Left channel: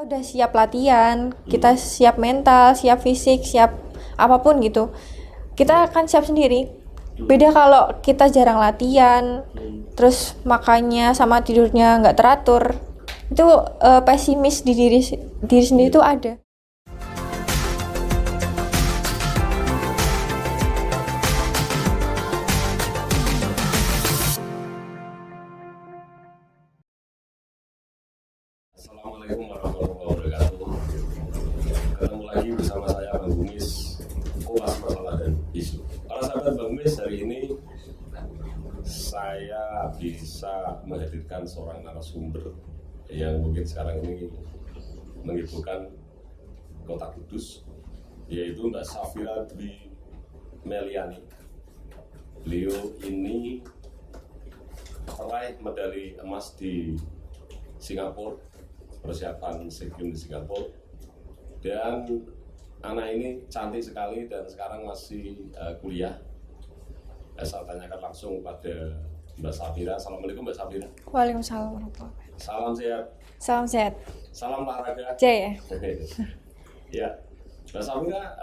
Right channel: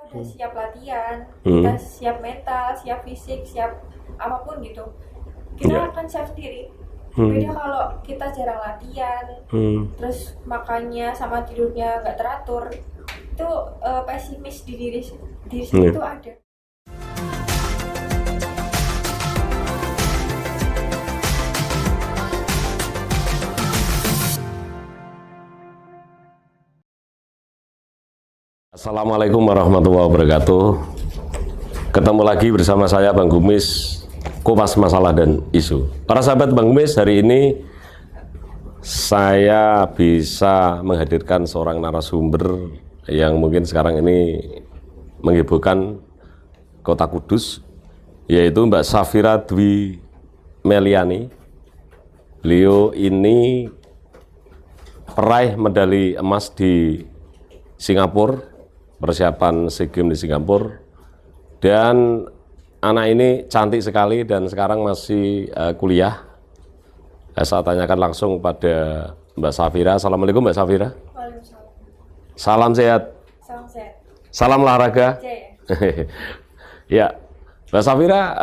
Kita udah siap latihan, kita siap mental, siap fisik, siap apapun gitu. Kita akan siap sendiri. Beda kalau kita jarang latihan, terus makannya sama tidurnya nggak teratur, itu pesimis di diri sendiri itu ada. Assalamualaikum warahmatullahi wabarakatuh. Ketemu lagi bersama saya Bang Gumis, kupas masalah dan isu. Para sahabat Bang Gumis, hari ini saya bisa menghadirkan seorang narasumber yang mungkin sekarang ini menghebohkan Kota Kudus, yaitu Mbak Safira Dwi Meliani. Beliau ini peraih medali emas di Singapura, persiapan SEA Games di Singapura, dan anak ini cantik sekali dan sekarang masih kuliah. Saya tanyakan langsung pada Mbak Safira. Assalamualaikum Mbak Safira. Waalaikumsalam. Salam sehat. Salam sehat. Salam olahraga. Jaya. Ya, Mbak Safira,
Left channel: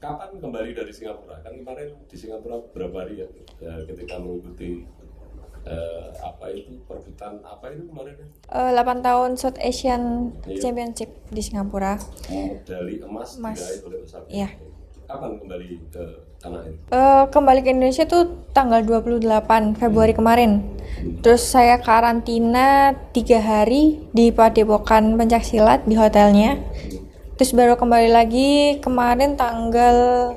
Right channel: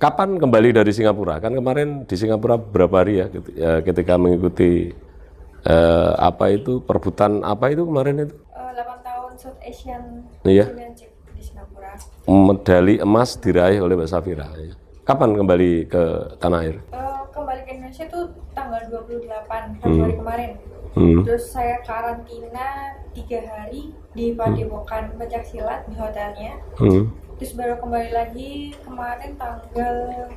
kapan kembali dari Singapura? Kan kemarin di Singapura berapa hari ya ketika mengikuti perebutan apa itu kemarin itu? 8 tahun South Asian Championship di Singapura. Medali emas diraih oleh Mbak Safira. Iya. Kapan kembali ke tanah air? Kembali ke Indonesia tuh tanggal 28 Februari kemarin. Terus saya karantina 3 hari di Padepokan Pencaksilat di hotelnya. Terus baru kembali lagi kemarin tanggal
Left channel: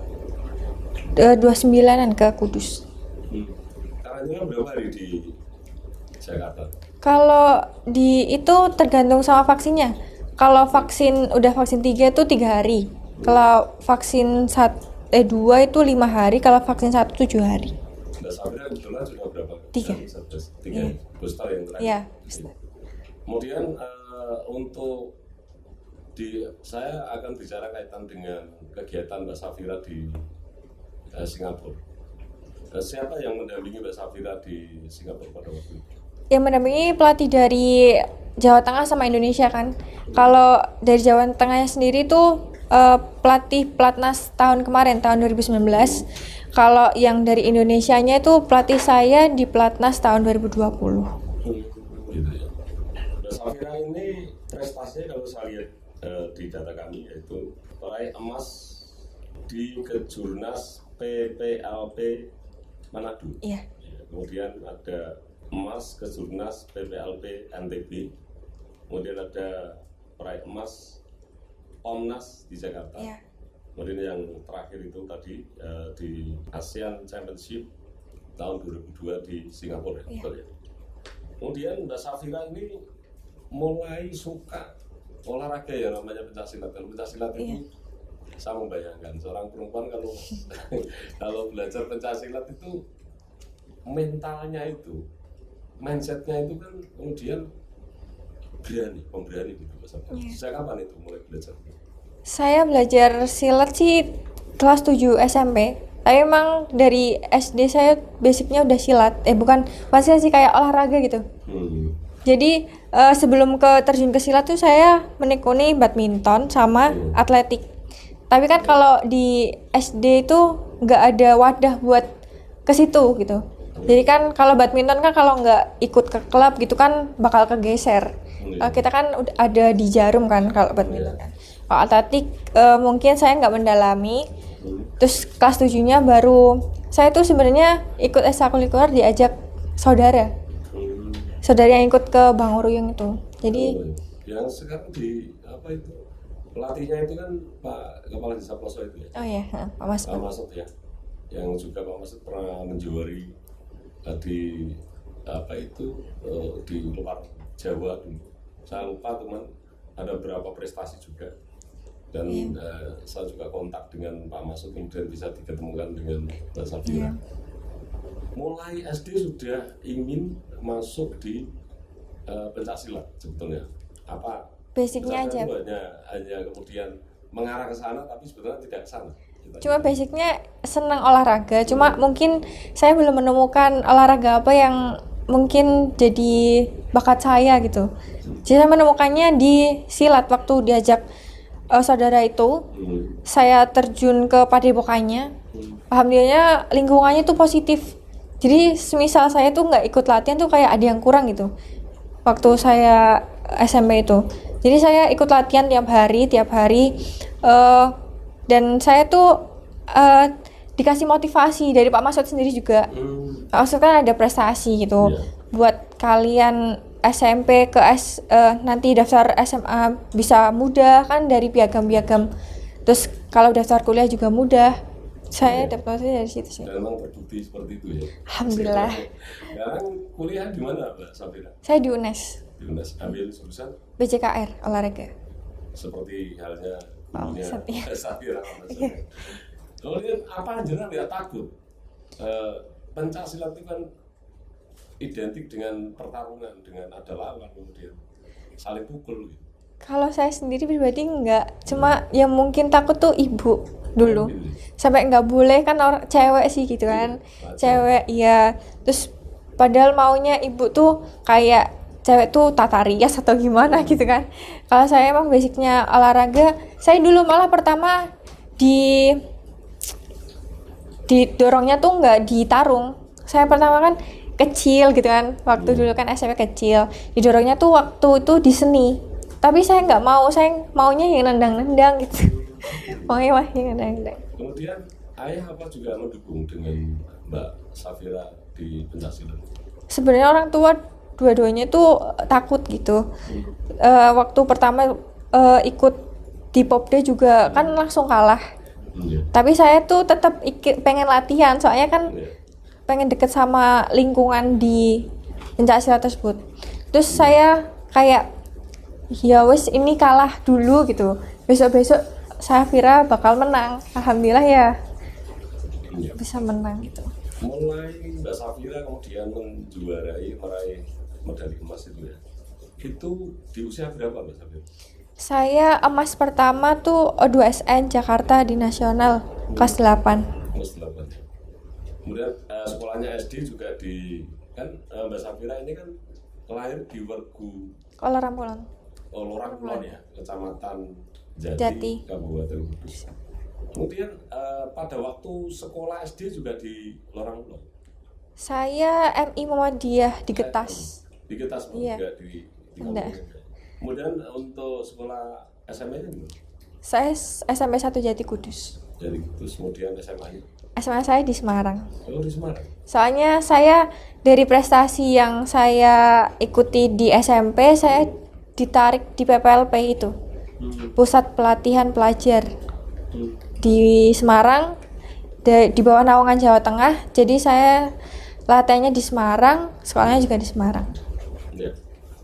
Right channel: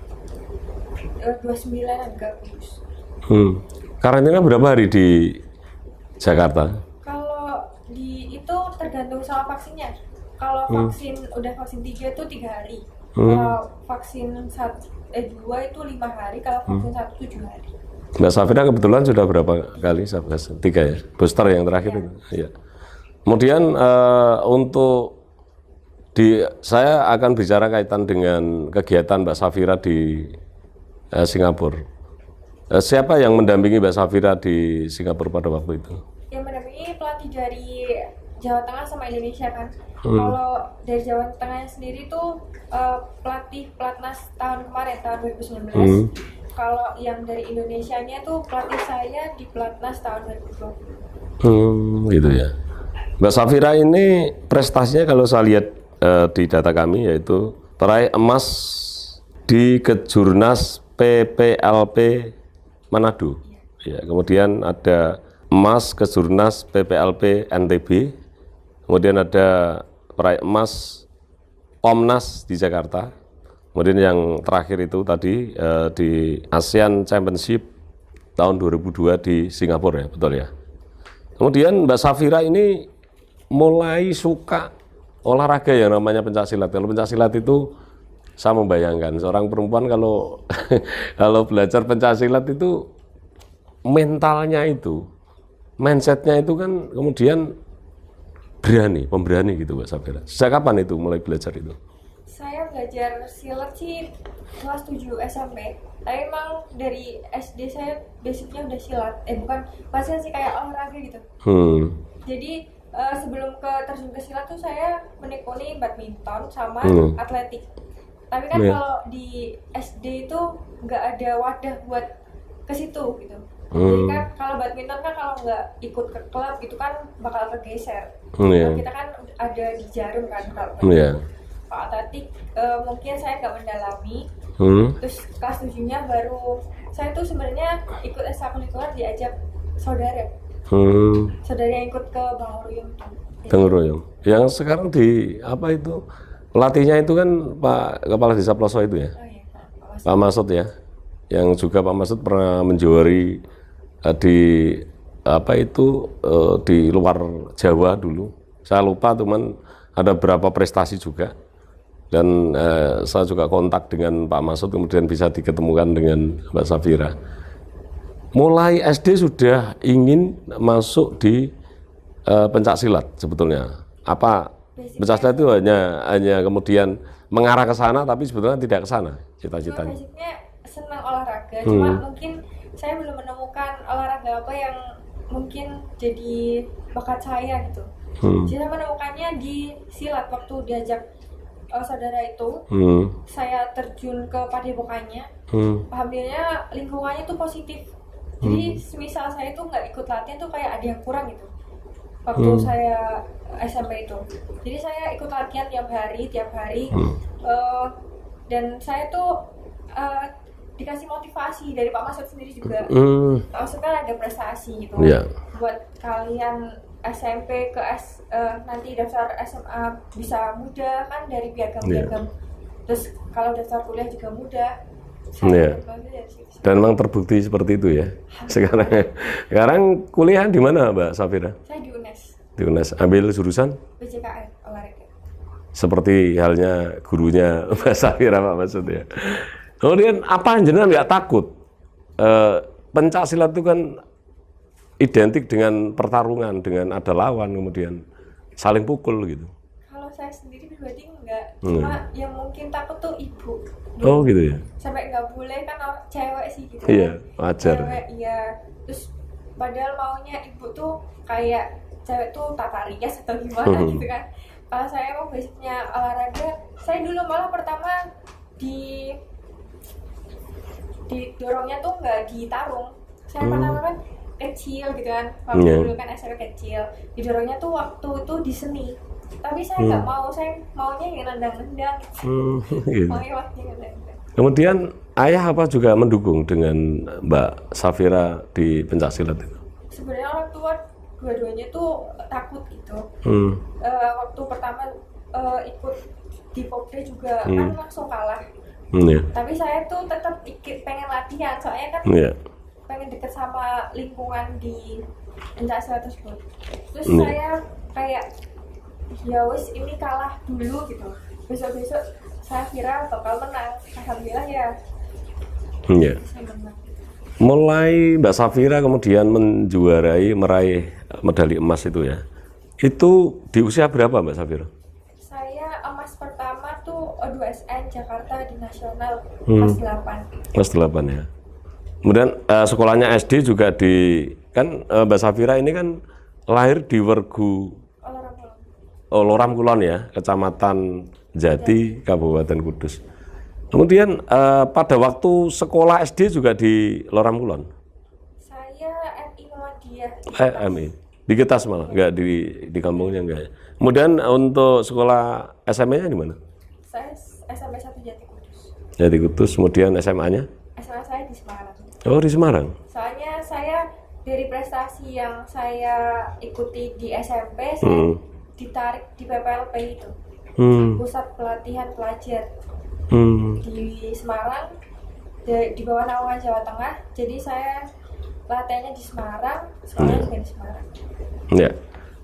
29-an ke Kudus. Karantina berapa hari di Jakarta? Kalau di itu tergantung sama vaksinnya. Kalau udah vaksin 3 itu 3 hari. Kalau vaksin 2 itu 5 hari, kalau vaksin 1 7 hari. Mbak Safira kebetulan sudah berapa kali? 3 ya? Booster yang terakhir. Ya. Kemudian saya akan bicara kaitan dengan kegiatan Mbak Safira di Singapura. Siapa yang mendampingi Mbak Safira di Singapura pada waktu itu? Yang mendampingi pelatih dari Jawa Tengah sama Indonesia kan. Kalau dari Jawa Tengahnya sendiri tuh pelatih Platnas tahun kemarin, tahun 2019. Kalau yang dari Indonesianya itu pelatih saya di Platnas tahun 2020. Gitu ya. Mbak Safira ini prestasinya kalau saya lihat di data kami yaitu peraih emas di Kejurnas PPLP Manado. Iya. Ya, kemudian ada emas Kejurnas PPLP NTB. Kemudian ada peraih emas Pomnas di Jakarta. Iya. Kemudian yang terakhir itu tadi di ASEAN Championship tahun 2002 di Singapura ya, betul ya. Kemudian Mbak Safira ini mulai suka olahraga yang namanya pencaksilat. Kalau pencaksilat itu saya membayangkan seorang perempuan kalau kalau belajar pencaksilat itu mentalnya itu, mindsetnya itu kan kemudian pemberani gitu Mbak Safira. Sejak kapan itu mulai belajar itu? Saya belajar silat sih kelas 7 SMP. Tapi emang dari SD saya basicnya udah silat. Pasti sih kayak olahraga gitu. Jadi sebelum terjun ke silat tuh saya menekuni badminton sama atletik. Tapi kan kalau di SD itu nggak ada wadah buat ke situ gitu. Jadi kan kalau badminton kan kalau nggak ikut ke klub gitu kan bakal kegeser. Kalau kita kan ada di Jarum kan kalau badminton. Kalau atletik mungkin saya nggak mendalami. Terus kelas 7-nya baru saya tuh sebenarnya ikut ekstrakurikuler diajak saudara. Saudara yang ikut ke Bang Ruyung itu. Jadi Bang Ruyung. Yang sekarang di apa itu? Pelatihnya itu kan Pak Kepala Desa Ploso itu ya? Oh iya, Pak Masud. Pak Masud ya, yang juga Pak Masud pernah menjuari di di luar Jawa dulu. Saya lupa teman ada berapa prestasi juga. Dan saya juga kontak dengan Pak Masud kemudian bisa diketemukan dengan Mbak Safira. Mulai SD sudah ingin masuk di pencaksilat sebetulnya. Apa pencaksilat itu hanya kemudian mengarah ke sana tapi sebetulnya tidak ke sana. Cuma basicnya senang olahraga, cuma mungkin saya belum menemukan olahraga apa yang mungkin jadi bakat saya gitu. Jadi saya menemukannya di silat waktu diajak saudara itu. Saya terjun ke padepokannya. Alhamdulillahnya lingkungannya tuh positif. Jadi semisal saya tuh nggak ikut latihan tuh kayak ada yang kurang gitu. Waktu saya SMP itu. Jadi saya ikut latihan tiap hari. Dan saya tuh dikasih motivasi dari Pak Masud sendiri juga. Pak Masud kan ada prestasi gitu. Buat kalian SMP ke nanti daftar SMA bisa mudah kan dari piagam-piagam. Terus kalau daftar kuliah juga mudah. Saya dapat dari situ sih. Dan memang terbukti seperti itu ya. Sekarang kuliah di mana Mbak Safira? Saya di UNES. Di UNES. Ambil jurusan? BCKR, olahraga. Seperti halnya gurunya Mbak Safira Pak Masud ya. Kemudian apa jenengan nggak takut? Pencak silat itu kan identik dengan pertarungan, dengan ada lawan, kemudian saling pukul gitu. Kalau saya sendiri pribadi enggak, cuma yang mungkin takut tuh ibu dulu. Gitu ya? Sampai nggak boleh kan orang cewek sih gitu kan. Cewek iya. Terus padahal maunya ibu tuh kayak cewek tuh tata rias atau gimana gitu kan. Kalau saya emang basicnya olahraga, saya dulu malah pertama didorongnya tuh nggak ditarung. Saya pertama kan kecil gitu kan, waktu dulu kan SMP kecil, didorongnya tuh waktu itu di seni. Tapi saya nggak mau, saya maunya yang nendang-nendang gitu. Maunya yang nendang-nendang. Kemudian ayah apa juga mendukung dengan Mbak Safira di pencaksilat itu? Sebenarnya orang tua dua-duanya tuh takut gitu. Waktu pertama ikut di Popda juga kan langsung kalah. Tapi saya tuh tetap pengen latihan, soalnya kan pengen deket sama lingkungan di pencaksilat tersebut. Terus saya kayak ya wes ini kalah dulu gitu, besok-besok Safira bakal menang. Alhamdulillah ya bisa menang gitu. Mulai Mbak Safira kemudian meraih medali emas itu ya, itu di usia berapa Mbak Safira? Saya emas pertama tuh O2SN Jakarta di nasional kelas 8. Kelas 8 ya. Kemudian sekolahnya SD juga kan Mbak Safira ini kan lahir di Wergu Loram Kulon ya, Kecamatan Jati, Kabupaten Kudus. Kemudian pada waktu sekolah SD juga di Loram Kulon? Saya MI Muhammadiyah di Getas. MI. Di Getas malah, enggak di kampungnya enggak. Kemudian untuk sekolah SMP-nya di mana? Saya SMP 1 Jati Kudus. Jati Kudus, kemudian SMA-nya? SMA saya di Semarang. Oh, di Semarang. Soalnya saya dari prestasi yang saya ikuti di SMP, saya ditarik di PPLP itu. Pusat Pelatihan Pelajar. Di Semarang, di bawah naungan Jawa Tengah. Jadi saya latihannya di Semarang, sekolahnya juga di Semarang. Ya.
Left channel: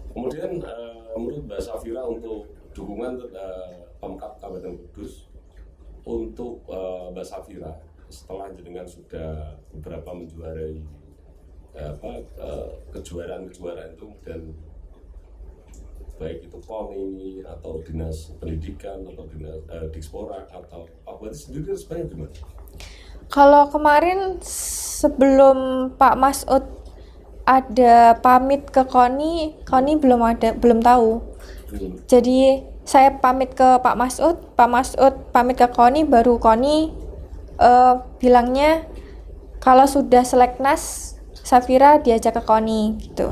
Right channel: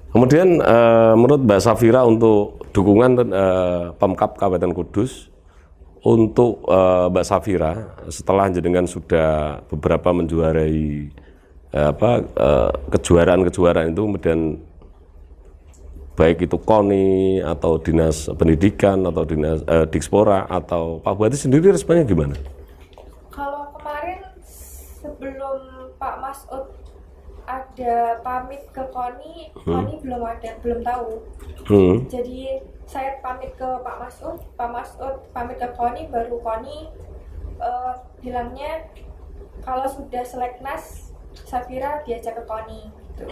Kemudian menurut Mbak Safira untuk dukungan Pemkab Kabupaten Kudus untuk Mbak Safira setelah jenengan sudah beberapa menjuarai kejuaraan-kejuaraan itu, kemudian baik itu KONI atau Dinas Pendidikan atau Dinas Dikspora atau Pak Bupati sendiri responnya gimana? Kalau kemarin sebelum Pak Masud ada pamit ke KONI, KONI belum tahu. Jadi saya pamit ke Pak Masud pamit ke KONI, baru KONI bilangnya kalau sudah seleknas Safira diajak ke KONI gitu.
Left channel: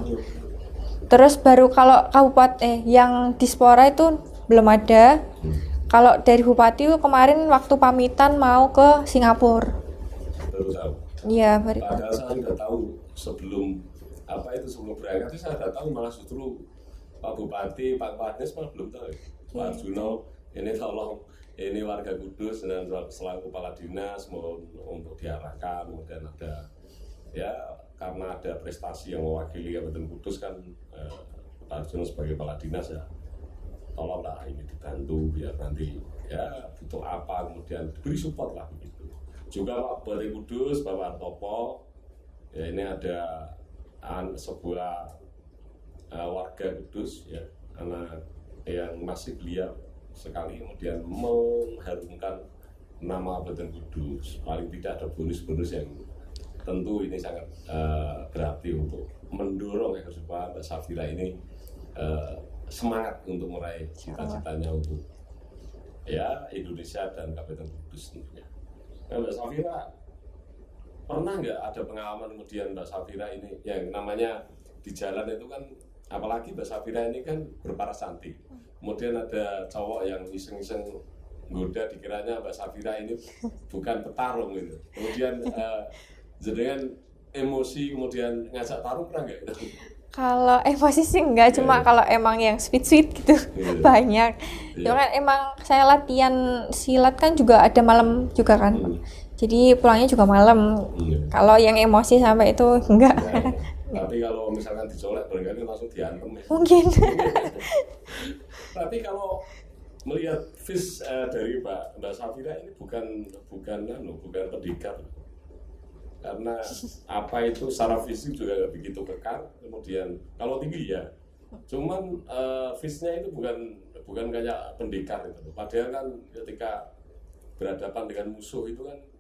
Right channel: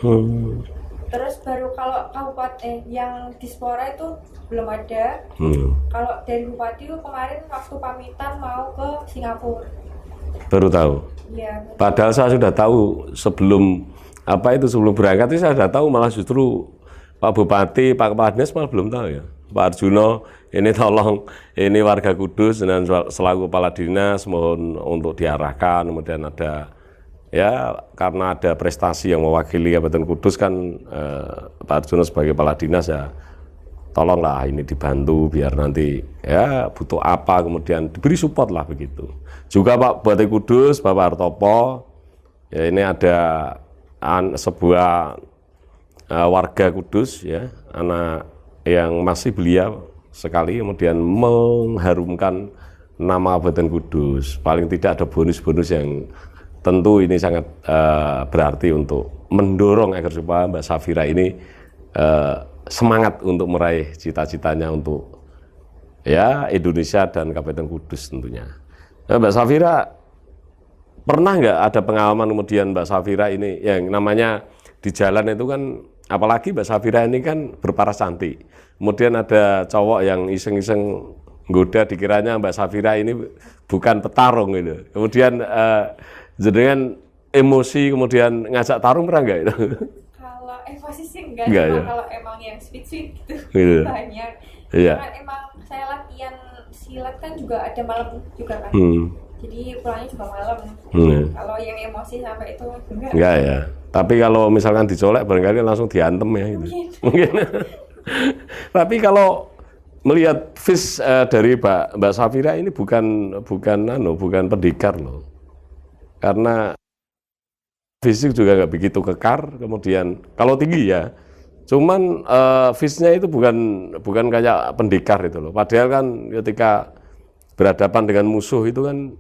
Terus baru kalau kabupaten yang Dispora itu belum ada. Kalau dari Bupati kemarin waktu pamitan mau ke Singapura. Baru tahu? Iya, baru. Padahal saya sudah tahu sebelum berangkat itu saya sudah tahu, malah justru Pak Bupati, Pak Kepala Dinas malah belum tahu ya. Pak Arjuno, ini tolong, ini warga Kudus dan selaku Kepala Dinas mohon untuk diarahkan, kemudian ada ya karena ada prestasi yang mewakili Kabupaten Kudus kan Pak Arjuno sebagai Kepala Dinas ya tolonglah ini dibantu biar nanti ya butuh apa kemudian diberi support lah begitu. Juga Pak Bupati Kudus, Bapak Hartopo, ya ini ada sebuah warga Kudus ya, anak yang masih belia sekali kemudian mengharumkan nama Kabupaten Kudus. Paling tidak ada bonus-bonus yang tentu ini sangat berarti untuk mendorong agar supaya Mbak Safira ini semangat untuk meraih cita-citanya untuk ya Indonesia dan Kabupaten Kudus tentunya. Nah, Mbak Safira pernah nggak ada pengalaman kemudian Mbak Safira ini yang namanya di jalan itu kan, apalagi Mbak Safira ini kan berparas cantik, kemudian ada cowok yang iseng-iseng goda dikiranya Mbak Safira ini bukan petarung gitu, kemudian jenengan emosi kemudian ngajak tarung, pernah nggak itu? Kalau emosi sih enggak, cuma ya? kalau emang yang sweet gitu Gitu. banyak. Iya. Karena emang saya latihan silat kan juga ada malam juga kan. Jadi pulangnya juga malam. Kalau yang emosi sampai itu enggak. Enggak ya. Tapi kalau misalkan dicolek barangkali langsung diantem ya. Mungkin. Tapi kalau melihat fish dari Mbak Safira ini bukan pendekar loh. Karena apa itu secara fisik juga nggak begitu kekar, kemudian kalau tinggi ya, cuman fishnya itu bukan kayak pendekar itu loh. Padahal kan ketika berhadapan dengan musuh itu kan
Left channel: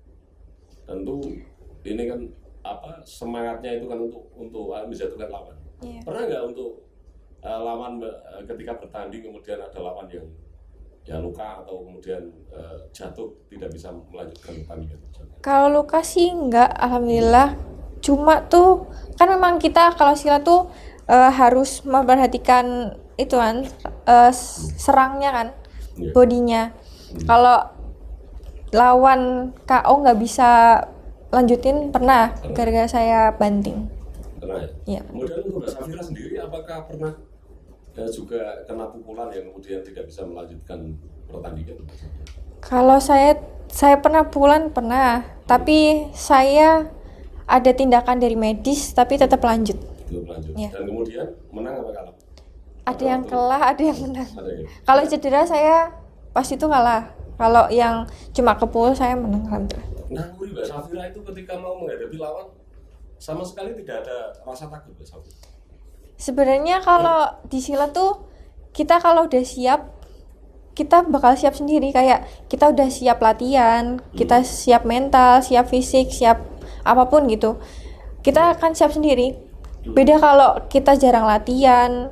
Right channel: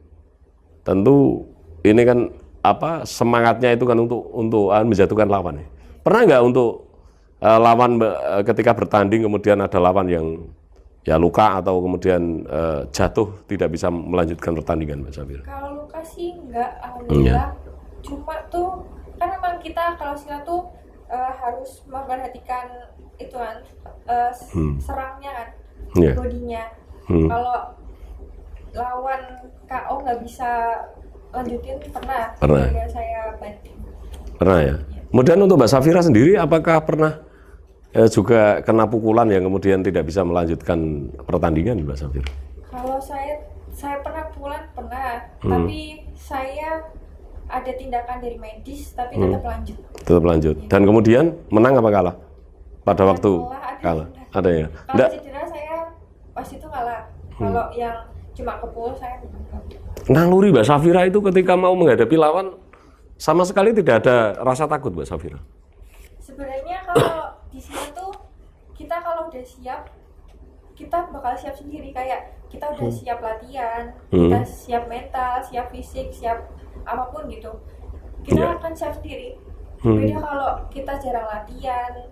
tentu ini kan apa semangatnya itu kan untuk menjatuhkan lawan. Iya. Pernah nggak untuk lawan ketika bertanding kemudian ada lawan yang ya luka atau kemudian jatuh tidak bisa melanjutkan pertandingan, Mbak Safira? Kalau luka sih enggak, alhamdulillah. Cuma tuh kan memang kita kalau silat tuh harus memperhatikan itu kan serangnya kan, Yeah. bodinya. Kalau lawan KO nggak bisa lanjutin pernah. Gara-gara saya banting. Pernah ya? Iya. Kemudian untuk Mbak Safira sendiri apakah pernah juga kena pukulan yang kemudian tidak bisa melanjutkan pertandingan, Mbak Safira? Kalau saya pernah pukulan pernah, tapi saya ada tindakan dari medis tapi tetap lanjut. Tetap lanjut. Iya. Dan kemudian menang apa kalah? Pada Ada waktu yang kalah, ada yang menang. Ada ya. Kalau cedera saya pas itu kalah. Kalau yang cuma kepul saya menang, alhamdulillah. Naluri Mbak Safira itu ketika mau menghadapi lawan sama sekali tidak ada rasa takut, Mbak Safira? Sebenarnya kalau di silat tuh kita kalau udah siap, kita bakal siap sendiri. Kayak kita udah siap latihan, kita siap mental, siap fisik, siap apapun gitu. Kita akan siap sendiri. Beda kalau kita jarang latihan,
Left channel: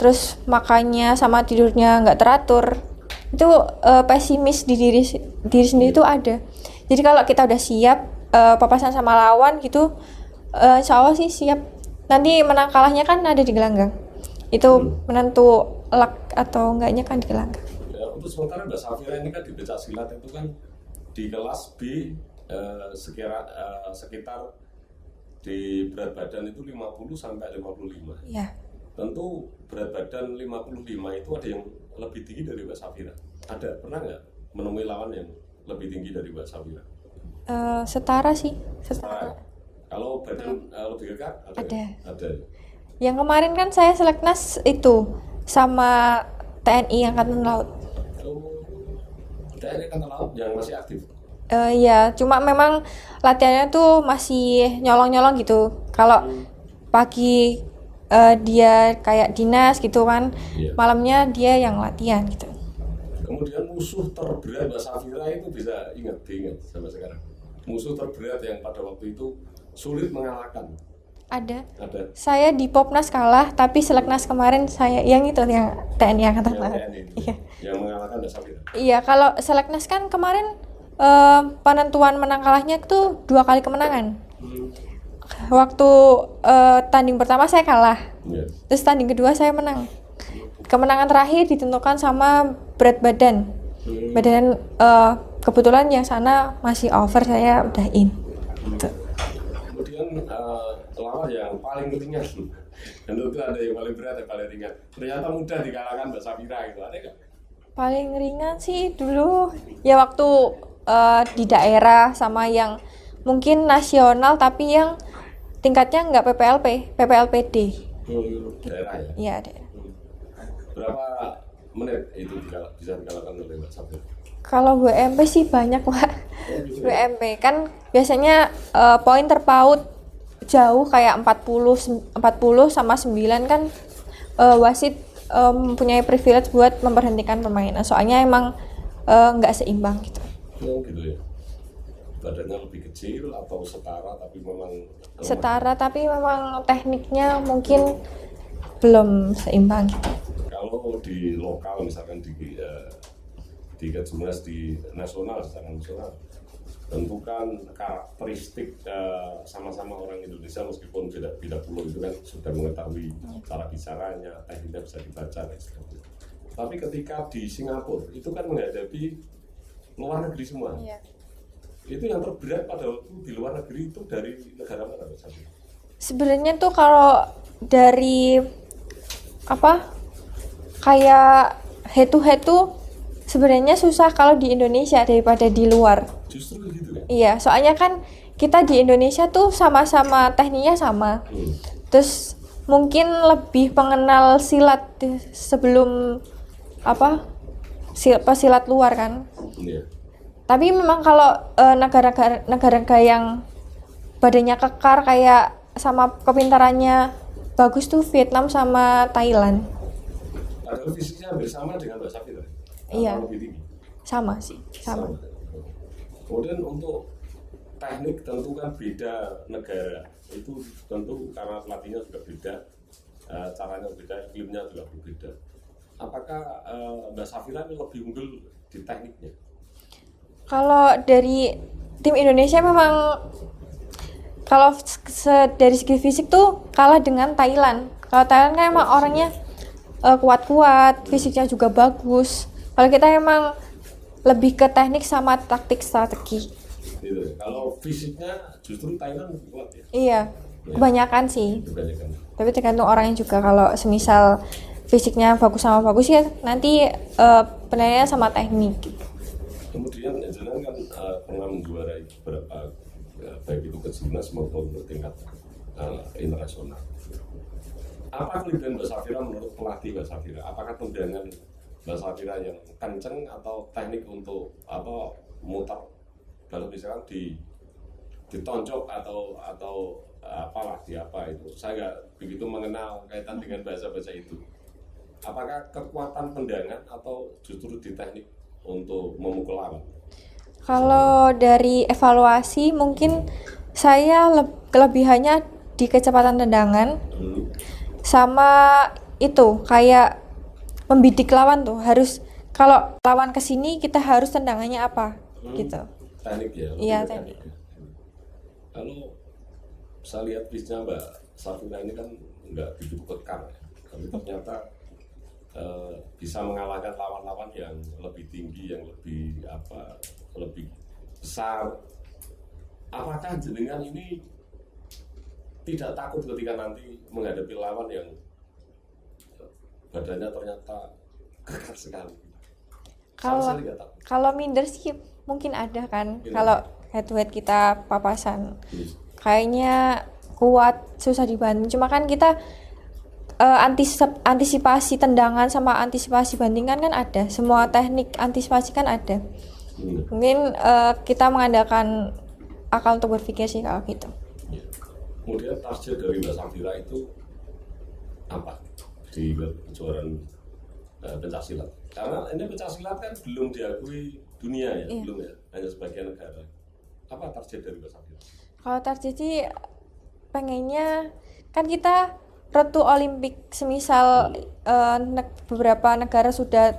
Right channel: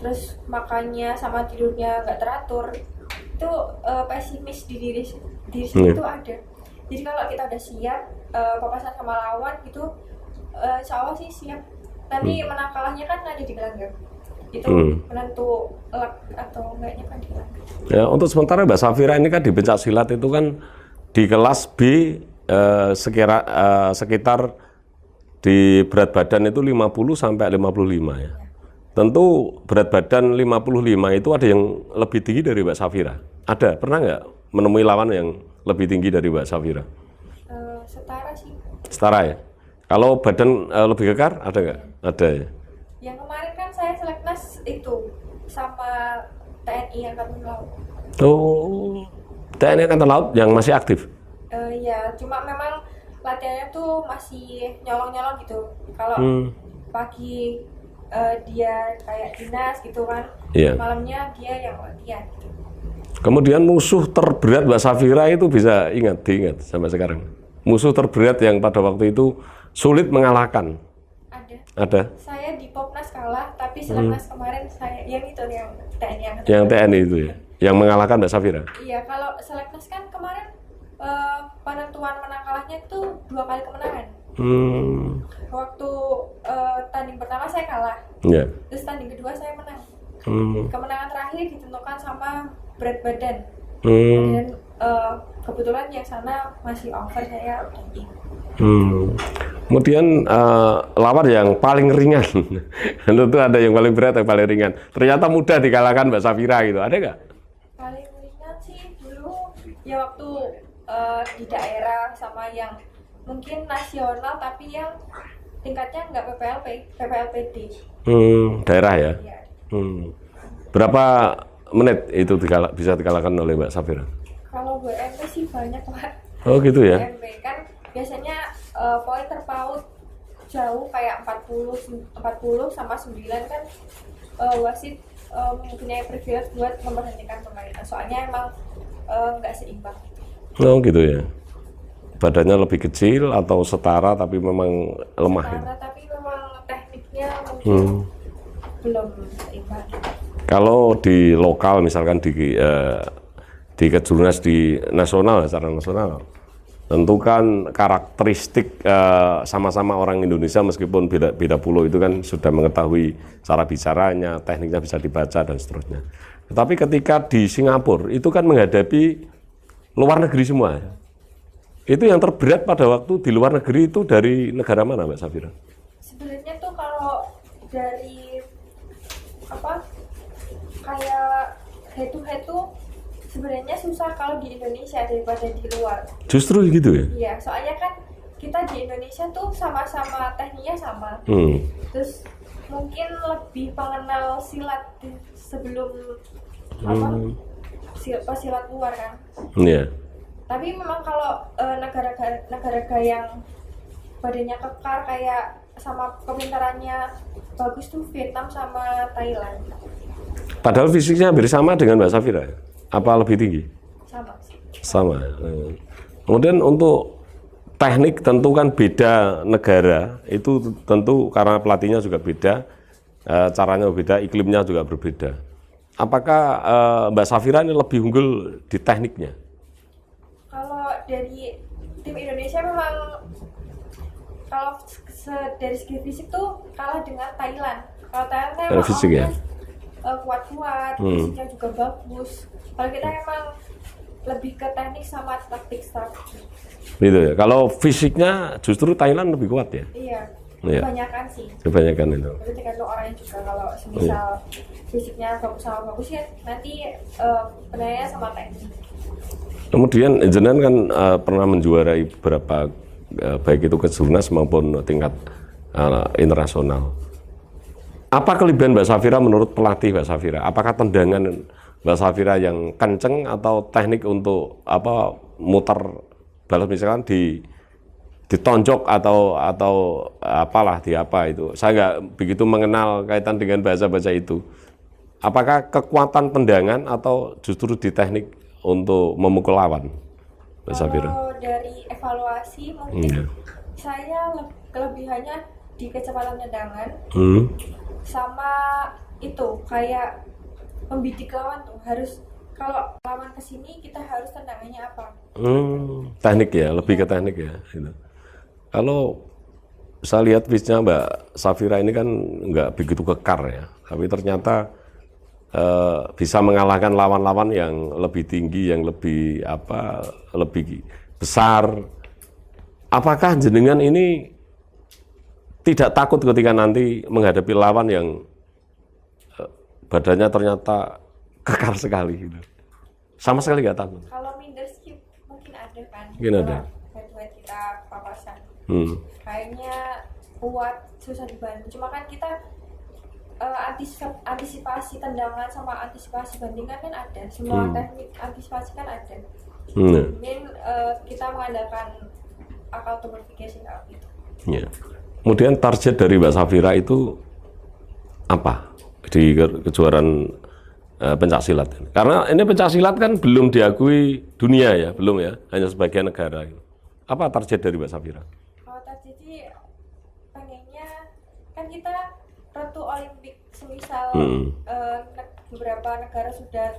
terus makannya sama tidurnya nggak teratur, itu pesimis di diri sendiri itu ada. Jadi kalau kita udah siap papasan sama lawan gitu, insya Allah sih siap. Nanti menang kalahnya kan ada di gelanggang. Itu menentu luck atau enggaknya kan di gelanggang. Ya, untuk sementara Mbak Safira ini kan di pencak silat itu kan di kelas B sekitar di berat badan itu 50 sampai 55 ya. Ya. Tentu berat badan 55 itu ada yang lebih tinggi dari Mbak Safira. Ada, pernah nggak menemui lawan yang lebih tinggi dari Mbak Safira? Setara sih. Setara ya? Kalau badan lebih kekar, ada nggak? Ada ya. Yang kemarin kan saya seleknas itu sama TNI Angkatan Laut. Oh, TNI Angkatan Laut yang masih aktif? Ya, cuma memang latihannya tuh masih nyolong-nyolong gitu. Kalau pagi dia kayak dinas gitu kan, malamnya dia yang latihan gitu. Kemudian musuh terberat Mbak Safira itu bisa diingat sampai sekarang. Musuh terberat yang pada waktu itu sulit mengalahkan. Ada. Saya di Popnas kalah, tapi seleknas kemarin saya yang itu yang TNI Angkatan Laut. Yang TNI itu ya, yang mengalahkan Mbak Safira. Iya, kalau seleknas kan kemarin penentuan menang kalahnya itu 2 kali kemenangan. Waktu tanding pertama saya kalah, terus tanding kedua saya menang. Kemenangan terakhir ditentukan sama berat badan. Badan kebetulan yang sana masih over, saya udah in. Kemudian lawan yang paling ringan, tentu ada yang paling berat, yang paling ringan. Ternyata mudah dikalahkan Mbak Safira gitu, ada nggak? Paling ringan sih dulu ya waktu di daerah sama yang mungkin nasional tapi yang tingkatnya nggak PPLPD. Daerah ya? Iya, daerah. Berapa menit itu bisa dikalahkan oleh Mbak Safira? Kalau WMP sih banyak, Pak. Oh gitu ya? WMP kan biasanya poin terpaut jauh kayak 40 sama 9 kan wasit mempunyai privilege buat memberhentikan permainan. Soalnya emang nggak seimbang gitu. Oh gitu ya. badannya lebih kecil atau setara tapi memang lemah? Setara tapi memang tekniknya mungkin belum seimbang gitu. Kalau di lokal misalkan di kejurnas di nasional, secara nasional, tentu kan karakteristik sama-sama orang Indonesia meskipun beda pulau itu kan sudah mengetahui cara bicaranya, tekniknya bisa dibaca dan seterusnya. Tetapi ketika di Singapura itu kan menghadapi luar negeri semua. Iya. Itu yang terberat pada waktu di luar negeri itu dari negara mana, Mbak Safira? Sebenarnya tuh kalau dari apa kayak head to head tuh sebenarnya susah kalau di Indonesia daripada di luar. Justru gitu ya? Iya, soalnya kan kita di Indonesia tuh sama-sama tekniknya sama. Terus mungkin lebih mengenal silat sebelum pesilat luar kan. Iya. Tapi memang kalau negara-negara yang badannya kekar kayak sama kepintarannya bagus tuh Vietnam sama Thailand. Padahal fisiknya hampir sama dengan Mbak Safira. Apa Iya. lebih tinggi? Sama sih. Sama. Kemudian untuk teknik tentu kan beda negara, itu tentu karena pelatihnya juga beda, caranya beda, iklimnya juga berbeda. Apakah Mbak Safira ini lebih unggul di tekniknya? Kalau dari tim Indonesia memang kalau dari segi fisik tuh kalah dengan Thailand. Kalau Thailand kan emang Fisik orangnya kuat-kuat, fisiknya juga bagus. Kalau kita emang lebih ke teknik sama taktik strategi. Gitu ya. Kalau fisiknya justru Thailand lebih kuat ya? Iya, Iya. kebanyakan sih. Kebanyakan itu. Tapi tergantung orangnya juga. Kalau semisal fisiknya bagus sama bagus ya nanti penilaiannya sama teknik. Kemudian jenengan kan pernah menjuarai beberapa baik itu kejurnas maupun tingkat internasional. Apa kelebihan Mbak Safira menurut pelatih Mbak Safira? Apakah tendangan Mbak Safira yang kenceng atau teknik untuk muter balas misalkan ditonjok atau apalah di apa itu? Saya nggak begitu mengenal kaitan dengan bahasa-bahasa itu. Apakah kekuatan tendangan atau justru di teknik untuk memukul lawan? Kalau dari evaluasi mungkin saya kelebihannya di kecepatan tendangan sama itu kayak membidik lawan tuh harus kalau lawan kesini kita harus tendangannya apa gitu. Teknik ya, lebih ke teknik ya. Gitu. Kalau saya lihat pitch-nya Mbak Safira ini kan nggak begitu kekar ya, tapi ternyata bisa mengalahkan lawan-lawan yang lebih tinggi, yang lebih lebih besar. Apakah jenengan ini tidak takut ketika nanti menghadapi lawan yang badannya ternyata kekar sekali gitu? Sama sekali nggak takut? Kalau minder sih mungkin ada kan. Mungkin Kalau ada. head to head kita papasan, kayaknya kuat, susah dibantu. Cuma kan kita antisipasi tendangan sama antisipasi bandingan kan ada. Semua teknik antisipasi kan ada. Mungkin kita mengandalkan akal untuk berpikir sih kalau gitu. Ya. Kemudian target dari Mbak Safira itu apa di kejuaraan pencaksilat? Karena ini pencaksilat kan belum diakui dunia ya, belum ya, hanya sebagian negara. Apa target dari Mbak Safira? Kalau target sih pengennya kan kita Retu Olimpik semisal beberapa negara sudah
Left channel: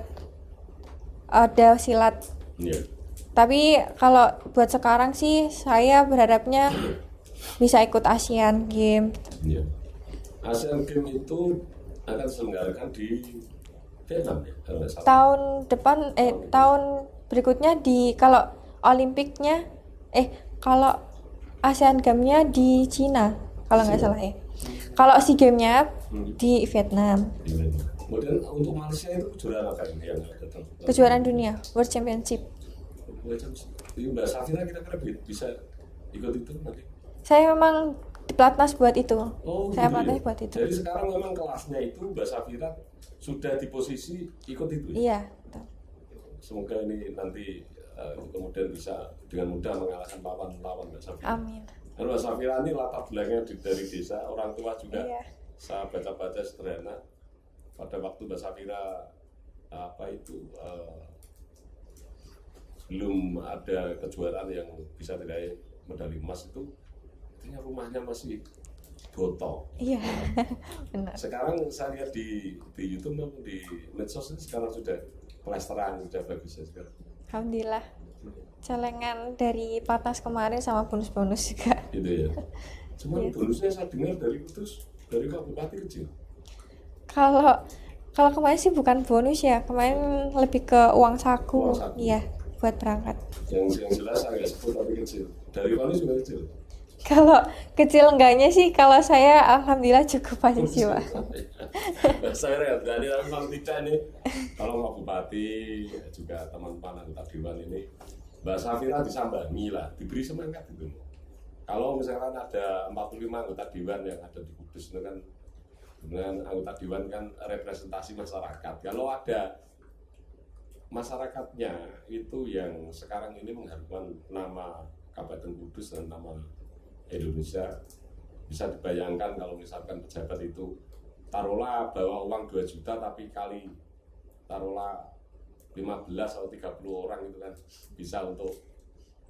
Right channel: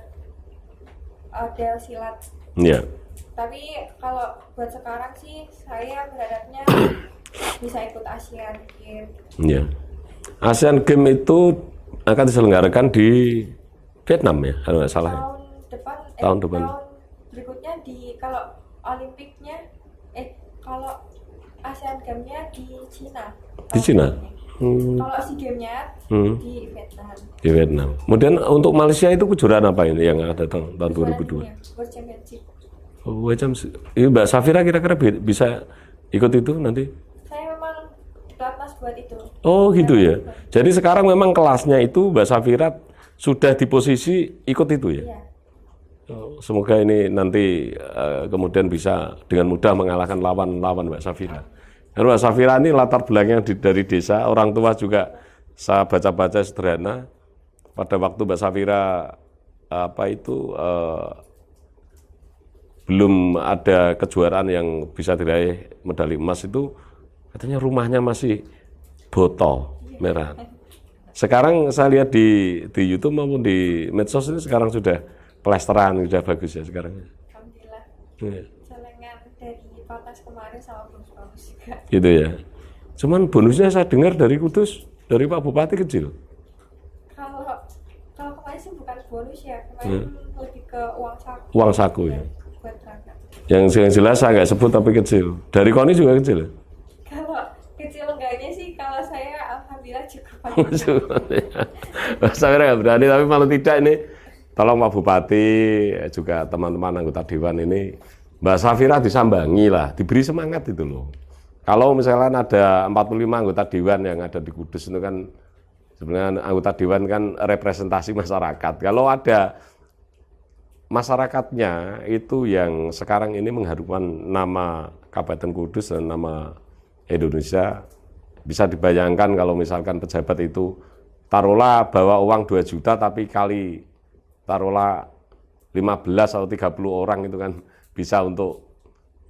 ada silat. Ya. Tapi kalau buat sekarang sih saya berharapnya bisa ikut Asian Games. Ya. Asian Games itu akan diselenggarakan di Vietnam ya, kalau nggak salah. Tahun berikutnya kalau Olimpiknya kalau Asian Games-nya di Cina kalau nggak salah ya. Kalau SEA Games-nya di Vietnam. Di Vietnam. Kemudian untuk Malaysia itu kejuaraan apa ini yang akan datang? Kejuaraan dunia, World Championship. Mbak Safira kira-kira bisa ikut itu nanti? Saya memang di pelatnas buat itu. Oh Saya gitu ya. buat itu. Jadi sekarang memang kelasnya itu Mbak Safira sudah di posisi ikut itu ya? Iya. Semoga ini nanti kemudian bisa dengan mudah mengalahkan lawan-lawan Mbak Safira. Karena Mbak Safira ini latar belakang dari desa, orang tua juga saya baca-baca sederhana. Pada waktu Mbak Safira belum ada kejuaraan yang bisa diraih medali emas itu katanya rumahnya masih botol merah. Sekarang saya lihat di YouTube maupun di medsos ini sekarang sudah plesteran, sudah bagus ya sekarang. Alhamdulillah. Celengan dari Patas kemarin sama bonus-bonus juga. Gitu ya. Cuman bonusnya saya dengar dari Kudus, dari Pak Bupati kecil. Kalau kemarin sih bukan bonus ya, kemarin lebih ke uang saku. Uang saku. Ya, buat berangkat. Yang jelas saya nggak sebut tapi kecil. Dari Koni juga kecil. Kalau kecil enggaknya sih, kalau saya alhamdulillah cukup banyak juga. Saya nggak berani, tapi malah tidak ini. Tolong Pak Bupati, juga teman-teman anggota Dewan ini, Mbak Safira disambangi lah, diberi semangat itu loh. Kalau misalnya ada 45 anggota Dewan yang ada di Kudus itu kan, sebenarnya anggota Dewan kan representasi masyarakat. Kalau ada masyarakatnya itu yang sekarang ini mengharumkan nama Kabupaten Kudus dan nama Indonesia, bisa dibayangkan kalau misalkan pejabat itu taruhlah bawa uang 2 juta tapi kali taruhlah 15 atau 30 orang itu kan bisa untuk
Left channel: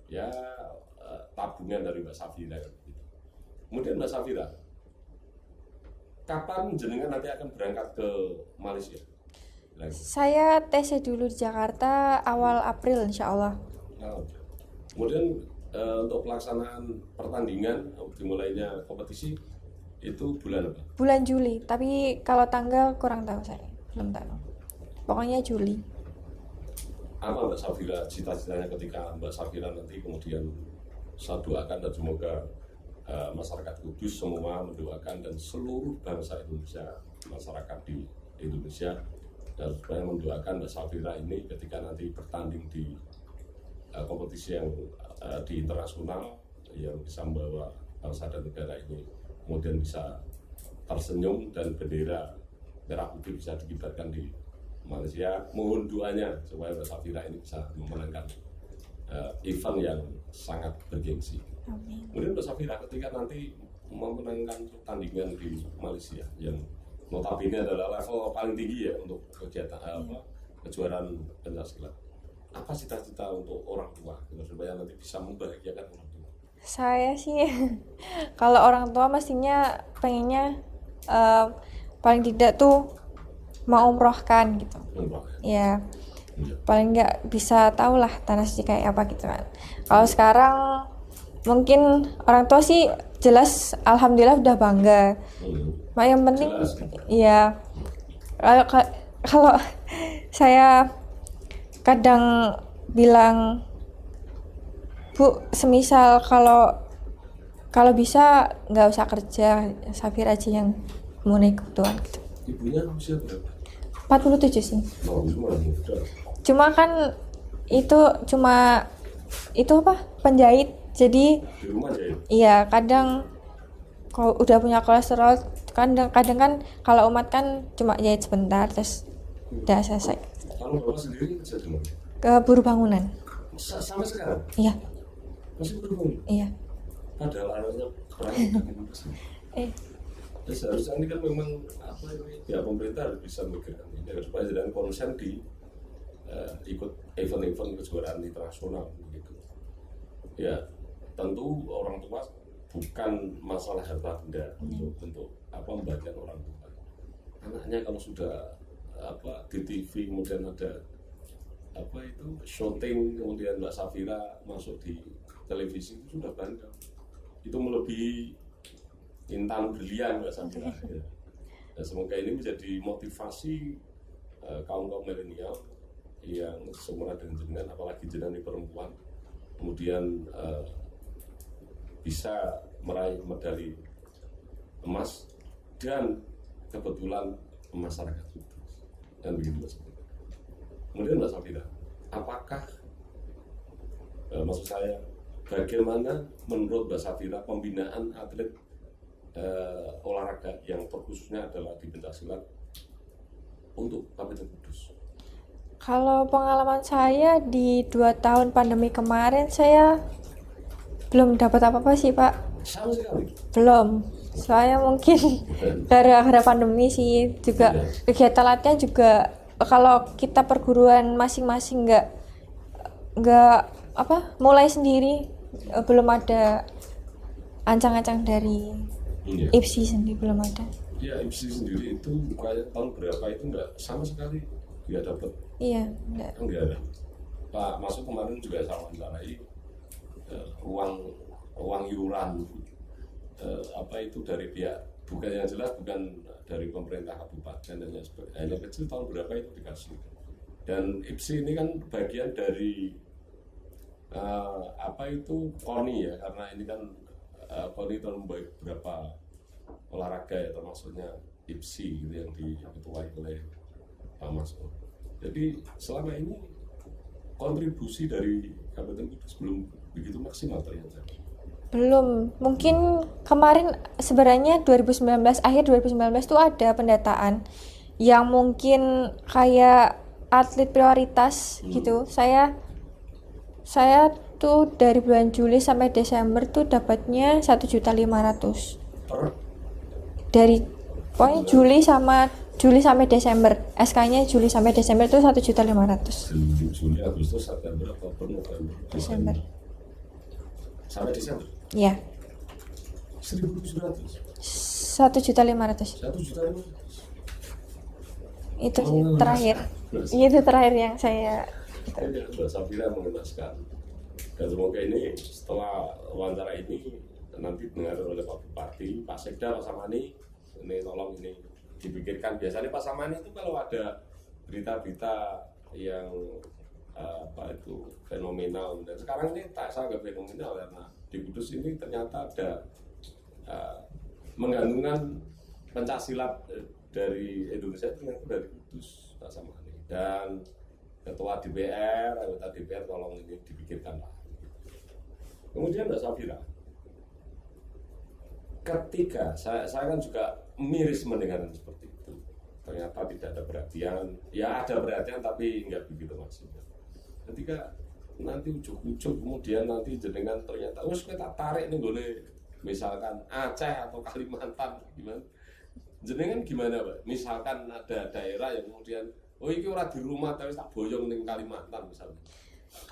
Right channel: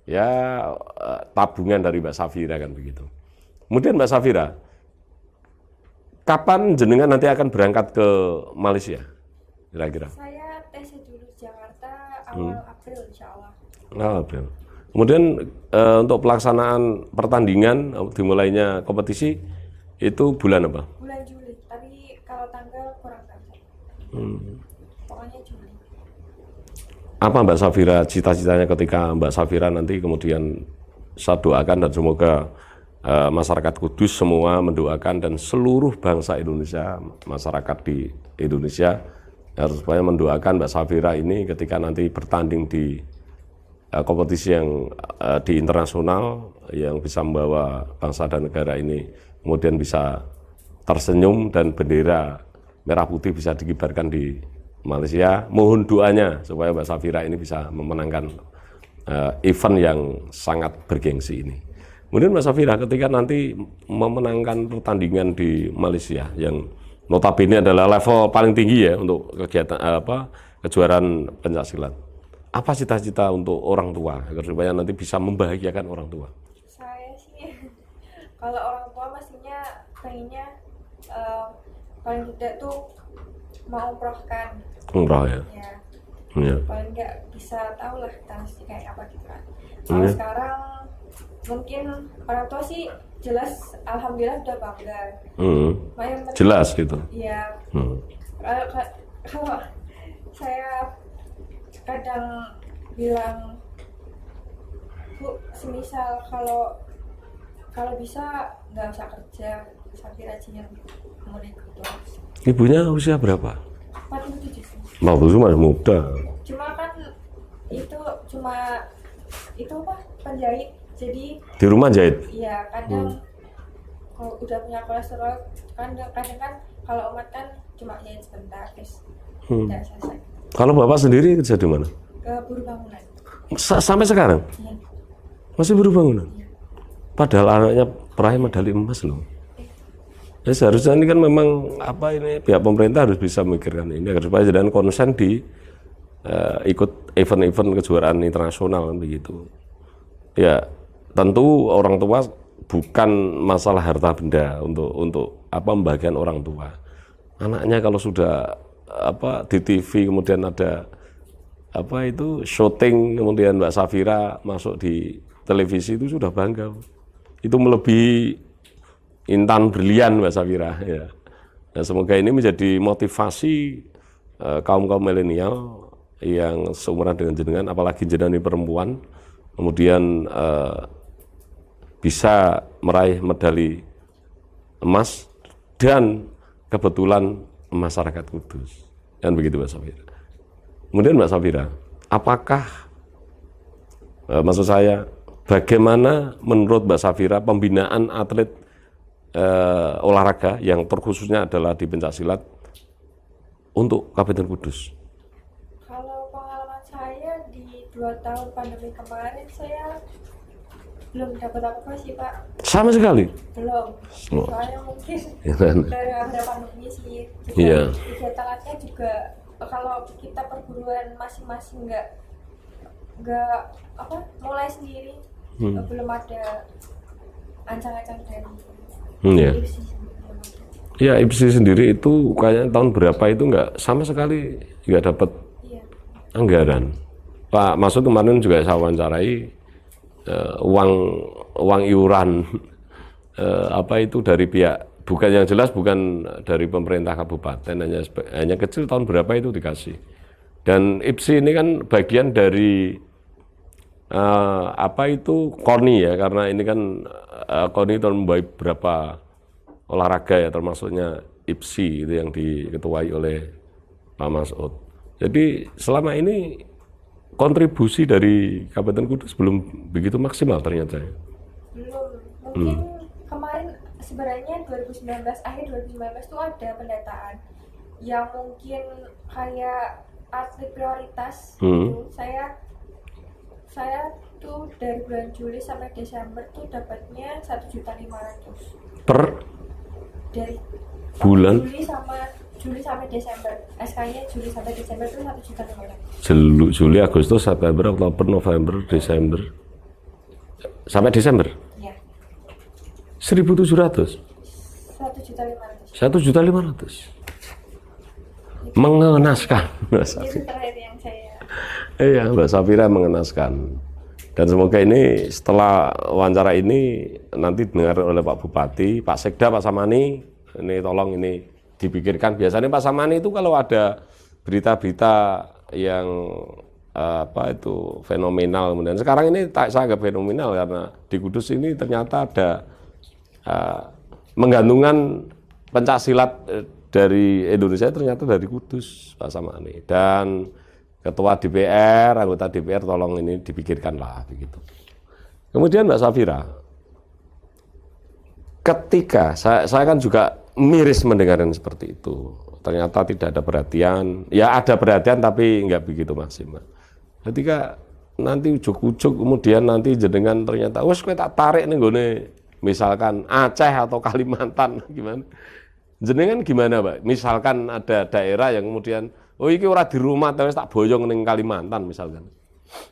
ya tabungan dari Mbak Safira kan begitu. Kemudian Mbak Safira, kapan jenengan nanti akan berangkat ke Malaysia kira-kira? Saya tesnya dulu di Jakarta awal April insya Allah. April. Kemudian untuk pelaksanaan pertandingan dimulainya kompetisi itu bulan apa? Bulan Juli, tapi kalau tanggal kurang tahu saya, belum tahu. Pokoknya Juli. Apa Mbak Safira cita-citanya ketika Mbak Safira nanti kemudian saya doakan dan semoga masyarakat Kudus semua mendoakan dan seluruh bangsa Indonesia, masyarakat di Indonesia harus supaya mendoakan Mbak Safira ini ketika nanti bertanding di kompetisi yang di internasional yang bisa membawa bangsa dan negara ini kemudian bisa tersenyum dan bendera merah putih bisa dikibarkan di Malaysia. Mohon doanya supaya Mbak Safira ini bisa memenangkan event yang sangat bergengsi ini. Kemudian Mbak Safira ketika nanti memenangkan pertandingan di Malaysia yang notabene adalah level paling tinggi ya untuk kegiatan kejuaraan pencaksilat. Apa cita-cita untuk orang tua agar supaya nanti bisa membahagiakan orang tua? Saya sih kalau orang tua mestinya pengennya paling tidak tuh mau umrohkan gitu. Umroh ya. Ya. Ya. Paling nggak bisa tahu lah tanah suci kayak apa gitu kan. Kalau sekarang mungkin orang tua sih jelas alhamdulillah udah bangga. Yang penting jelas gitu. Iya. Kalau saya kadang bilang, Bu, semisal kalau bisa nggak usah kerja, Safira aja yang mau ikut doang gitu. Ibunya usia berapa? 47 sih. 47 masih muda. Cuma kan itu penjahit, jadi di rumah jahit. Iya, kadang kalau udah punya kolesterol kadang kan kalau umat kan cuma jahit sebentar terus udah selesai. Kalau Bapak sendiri kerja di mana? Ke buruh bangunan. Sampai sekarang? Iya. Masih buruh bangunan? Iya. Padahal anaknya peraih medali emas loh. Ya seharusnya ini kan memang pihak pemerintah harus bisa memikirkan ini agar supaya jangan konsen di ikut event-event kejuaraan internasional kan begitu. Ya tentu orang tua bukan masalah harta benda untuk membagian orang tua. Anaknya kalau sudah di TV kemudian ada syuting kemudian Mbak Safira masuk di televisi itu sudah bangga. Itu melebihi intan brilian Mbak Safira ya. Nah, semoga ini menjadi motivasi kaum milenial yang seumuran dengan jenengan, apalagi jenengan ini perempuan, kemudian bisa meraih medali emas dan kebetulan masyarakat Kudus. Dan begitu Mbak Safira. Kemudian Mbak Safira, apakah maksud saya bagaimana menurut Mbak Safira pembinaan atlet olahraga yang terkhususnya adalah di pencaksilat untuk Kabupaten Kudus? Kalau pengalaman saya di 2 tahun pandemi kemarin saya belum dapat apa-apa sih Pak. Sama sekali? Belum. Saya mungkin gara-gara pandemi sih juga kegiatan latihan juga kalau kita perguruan masing-masing nggak mulai sendiri. Belum ada ancang-ancang dari Ya. IPSI sendiri, belum ada. Ya, IPSI sendiri itu kayaknya tahun berapa itu nggak sama sekali nggak dapat Iya, enggak. anggaran. Pak Masud kemarin juga saya wawancarai, uang iuran itu dari pihak, bukan yang jelas bukan dari pemerintah kabupaten, hanya kecil, tahun berapa itu dikasih. Dan IPSI ini kan bagian dari KONI ya, karena ini kan KONI itu membawa beberapa olahraga ya, termasuknya IPSI itu yang diketuai oleh Pak Masud. Jadi selama ini kontribusi dari Kabupaten Kudus belum begitu maksimal ternyata. Belum. Mungkin kemarin sebenarnya 2019, akhir 2019 tuh ada pendataan yang mungkin kayak atlet prioritas gitu. Saya tuh dari bulan Juli sampai Desember tuh dapatnya 1.500.000 Per dari bulan? Juli sampai Desember. SK-nya Juli sampai Desember itu 1.500.000. Juli, Agustus, September, Oktober, November, Desember. Sampai Desember? Iya. 1.700? 1.500.000. 1.500.000. Itu Mengenaskan. Itu terakhir yang saya. Iya, Mbak Safira mengenaskan. Dan semoga ini setelah wawancara ini nanti dengar oleh Pak Bupati, Pak Sekda, Pak Samani, ini tolong ini dipikirkan. Biasanya Pak Samani itu kalau ada berita-berita yang fenomenal, kemudian sekarang ini saya agak fenomenal karena di Kudus ini ternyata ada menggantungkan pencaksilat dari Indonesia ternyata dari Kudus, Pak Samani. Dan Ketua DPR, anggota DPR tolong ini dipikirkanlah begitu. Kemudian Mbak Safira, ketika saya kan juga miris mendengarkan seperti itu, ternyata tidak ada perhatian, ya ada perhatian tapi nggak begitu maksimal. Ketika nanti ujuk-ujuk kemudian nanti jenengan ternyata, wes kowe tak tarik nih gone, misalkan Aceh atau Kalimantan gimana? Jenengan gimana, Pak? Misalkan ada daerah yang kemudian, oh iki ora di rumah tapi tak boyong ning Kalimantan misalkan.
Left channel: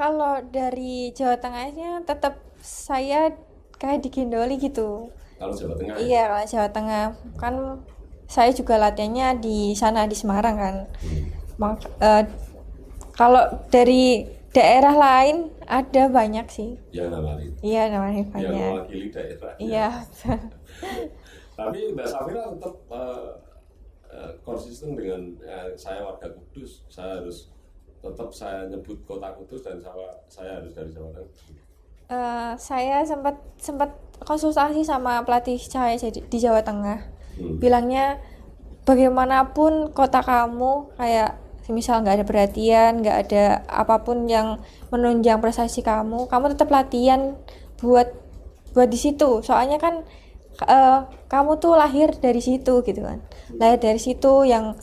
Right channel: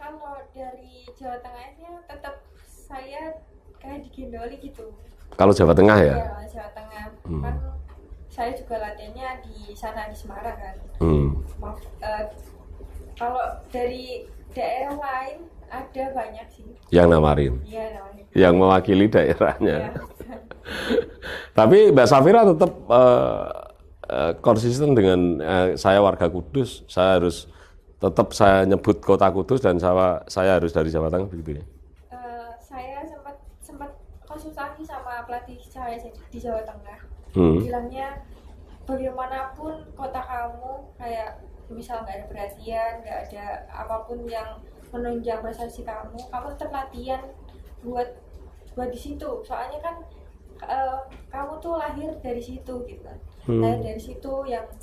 Kalau dari Jawa Tengahnya tetap saya kayak digendoli gitu. Kalau Jawa Tengah ya? Iya, kalau Jawa Tengah. Kan saya juga latihannya di sana di Semarang kan. Kalau dari daerah lain ada banyak sih. Yang nawarin? Iya, nawarin. Yang mewakili daerahnya? Iya. Tapi Mbak Safira tetap konsisten dengan saya warga Kudus, saya harus tetap saya nyebut kota Kudus dan saya harus dari Jawa Tengah begitu ya? Saya sempat konsultasi sama pelatih saya di Jawa Tengah. Bilangnya bagaimanapun kota kamu kayak misal nggak ada perhatian, nggak ada apapun yang menunjang prestasi kamu tetap latihan buat di situ. Soalnya kan kamu tuh lahir dari situ gitu kan. Lahir dari situ yang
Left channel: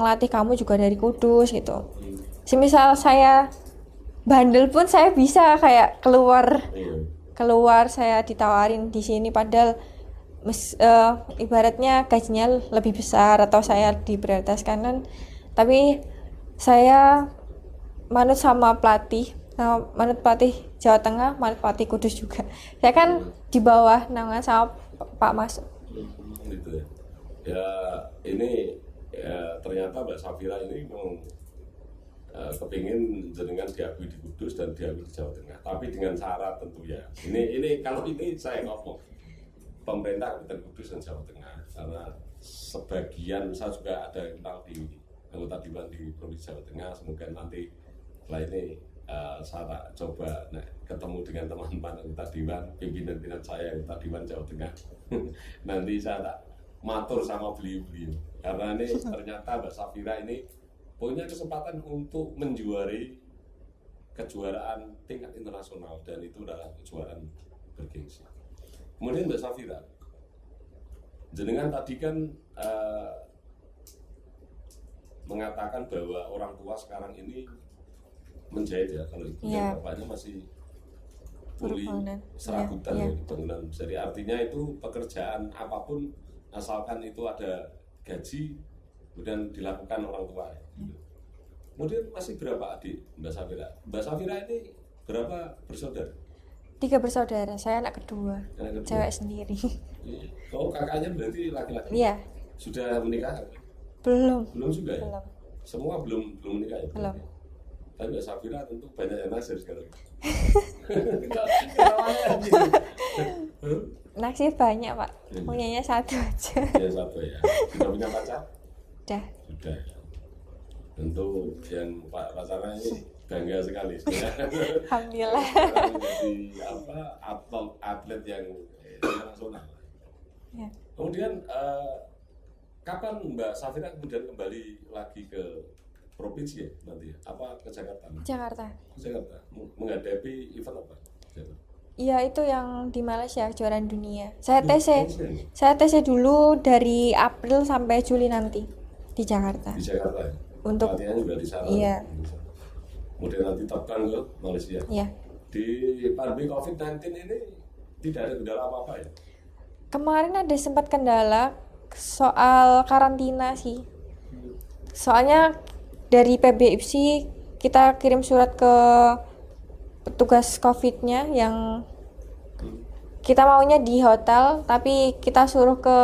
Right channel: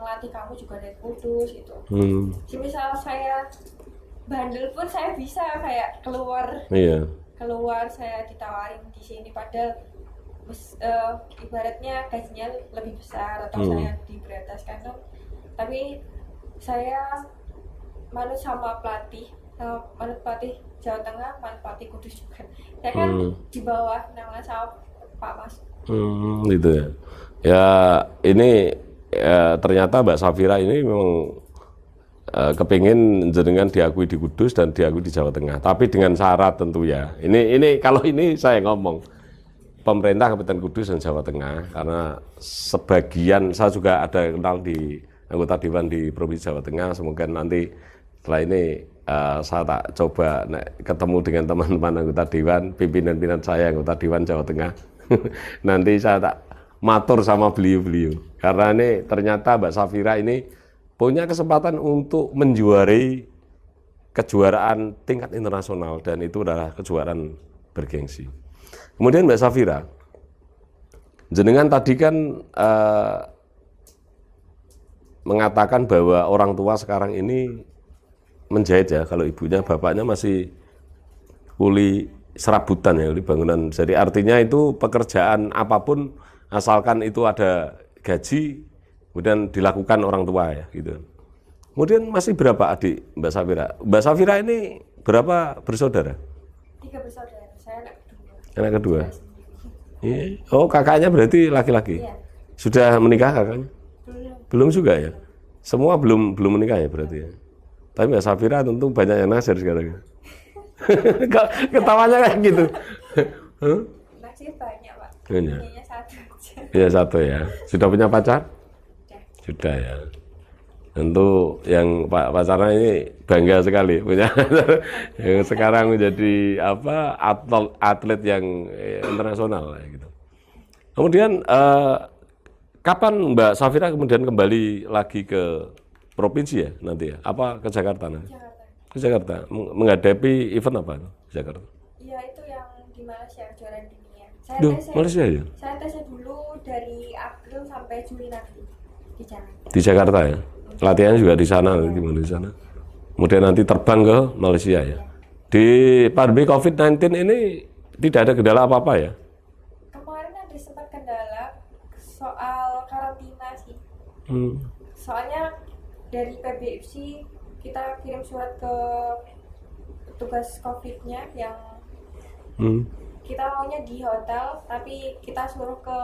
latih kamu juga dari Kudus gitu. Semisal saya bandel pun saya bisa kayak keluar. Iya. Keluar saya ditawarin di sini padahal ibaratnya gajinya lebih besar atau saya diprioritaskan kan. Tapi saya manut sama pelatih, manut pelatih Jawa Tengah, manut pelatih Kudus juga. Saya kan di bawah naungan sama Pak Mas. Gitu ya. Ya ini ternyata Mbak Safira ini memang kepingin jenengan diakui di Kudus dan diakui di Jawa Tengah. Tapi dengan syarat tentu ya. Ini kalau ini saya ngomong pemerintah Kabupaten Kudus dan Jawa Tengah, karena sebagian saya juga ada kenal di anggota Dewan di Provinsi Jawa Tengah. Semoga nanti setelah ini saya tak coba ketemu dengan teman-teman anggota Dewan, pimpinan-pimpinan saya anggota Dewan Jawa Tengah. Nanti saya tak matur sama beliau-beliau. Karena ini ternyata Mbak Safira ini punya kesempatan untuk menjuarai kejuaraan tingkat internasional dan itu adalah kejuaraan bergengsi. Kemudian Mbak Safira, jenengan tadi kan mengatakan bahwa orang tua sekarang ini menjahit ya, kalau ibunya bapaknya masih kuli serabutan ya, kuli bangunan. Jadi artinya itu pekerjaan apapun asalkan itu ada gaji kemudian dilakukan orang tua ya gitu. Kemudian masih berapa adik Mbak Safira? Mbak Safira ini berapa bersaudara? 3 bersaudara, saya anak kedua. Anak kedua. Cewek sendiri. Iya. Oh, kakaknya berarti laki-laki? Iya. Sudah menikah kakaknya? Belum. Belum juga ya? Belum. Semua belum menikah ya berarti ya? Tapi Mbak Safira tentu banyak yang naksir sekarang. Ketawanya kayak gitu. Huh? Naksir banyak, Pak. Iya. Punyanya 1 aja. Iya, 1 ya. Sudah punya pacar? Udah. Sudah ya. Tentu yang pacarnya ini bangga sekali punya yang sekarang menjadi atlet yang internasional gitu. Ya. Kemudian kapan Mbak Safira kemudian kembali lagi ke provinsi ya nanti ya? Apa ke Jakarta nanti? Jakarta. Ke Jakarta menghadapi event apa di Jakarta? Iya, itu yang di Malaysia, kejuaraan dunia. Saya Duh, TC. Malaysia ya? Saya TC dulu dari April sampai Juli nanti di Jakarta. Di Jakarta ya? Pelatihannya juga di sana, Iya. di sana. Kemudian nanti terbang ke Malaysia ya? Iya. Di pandemi COVID-19 ini tidak ada kendala apa-apa ya? Kemarin ada sempat kendala soal karantina sih. Soalnya dari PBIPSI kita kirim surat ke petugas COVID-nya yang kita maunya di hotel, tapi kita suruh ke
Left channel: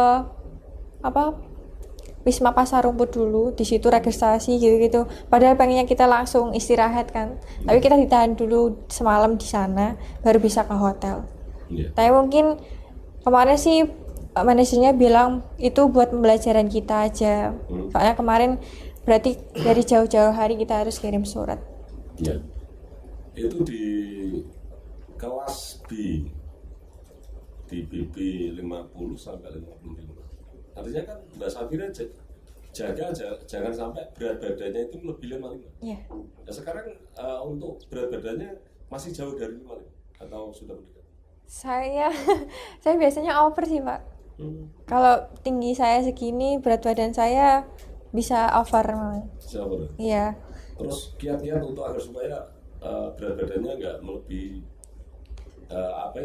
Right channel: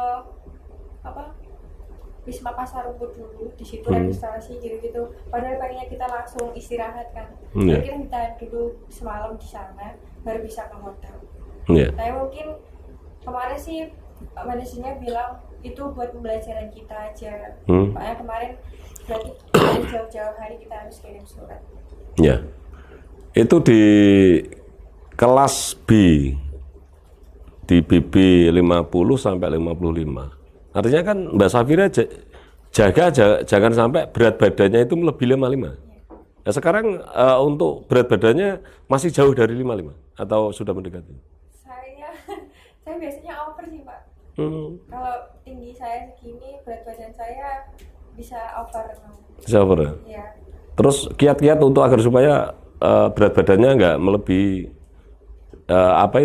Wisma Pasar Rumput dulu, di situ registrasi gitu-gitu. Padahal pengennya kita langsung istirahat kan. Tapi kita ditahan dulu semalam di sana, baru bisa ke hotel. Iya. Tapi mungkin kemarin sih manajernya bilang itu buat pembelajaran kita aja. Soalnya kemarin berarti dari jauh-jauh hari kita harus kirim surat. Ya. Itu di kelas B, di BB 50 sampai 55. Artinya kan Mbak Safira jangan sampai berat badannya itu melebihi 55. Iya. Nah, sekarang untuk berat badannya masih jauh dari 55 atau sudah mendekati? Saya biasanya over sih, Pak. Kalau tinggi saya segini, berat badan saya bisa over. Bisa over ya? Iya. Terus kiat-kiat untuk agar supaya berat badannya nggak melebihi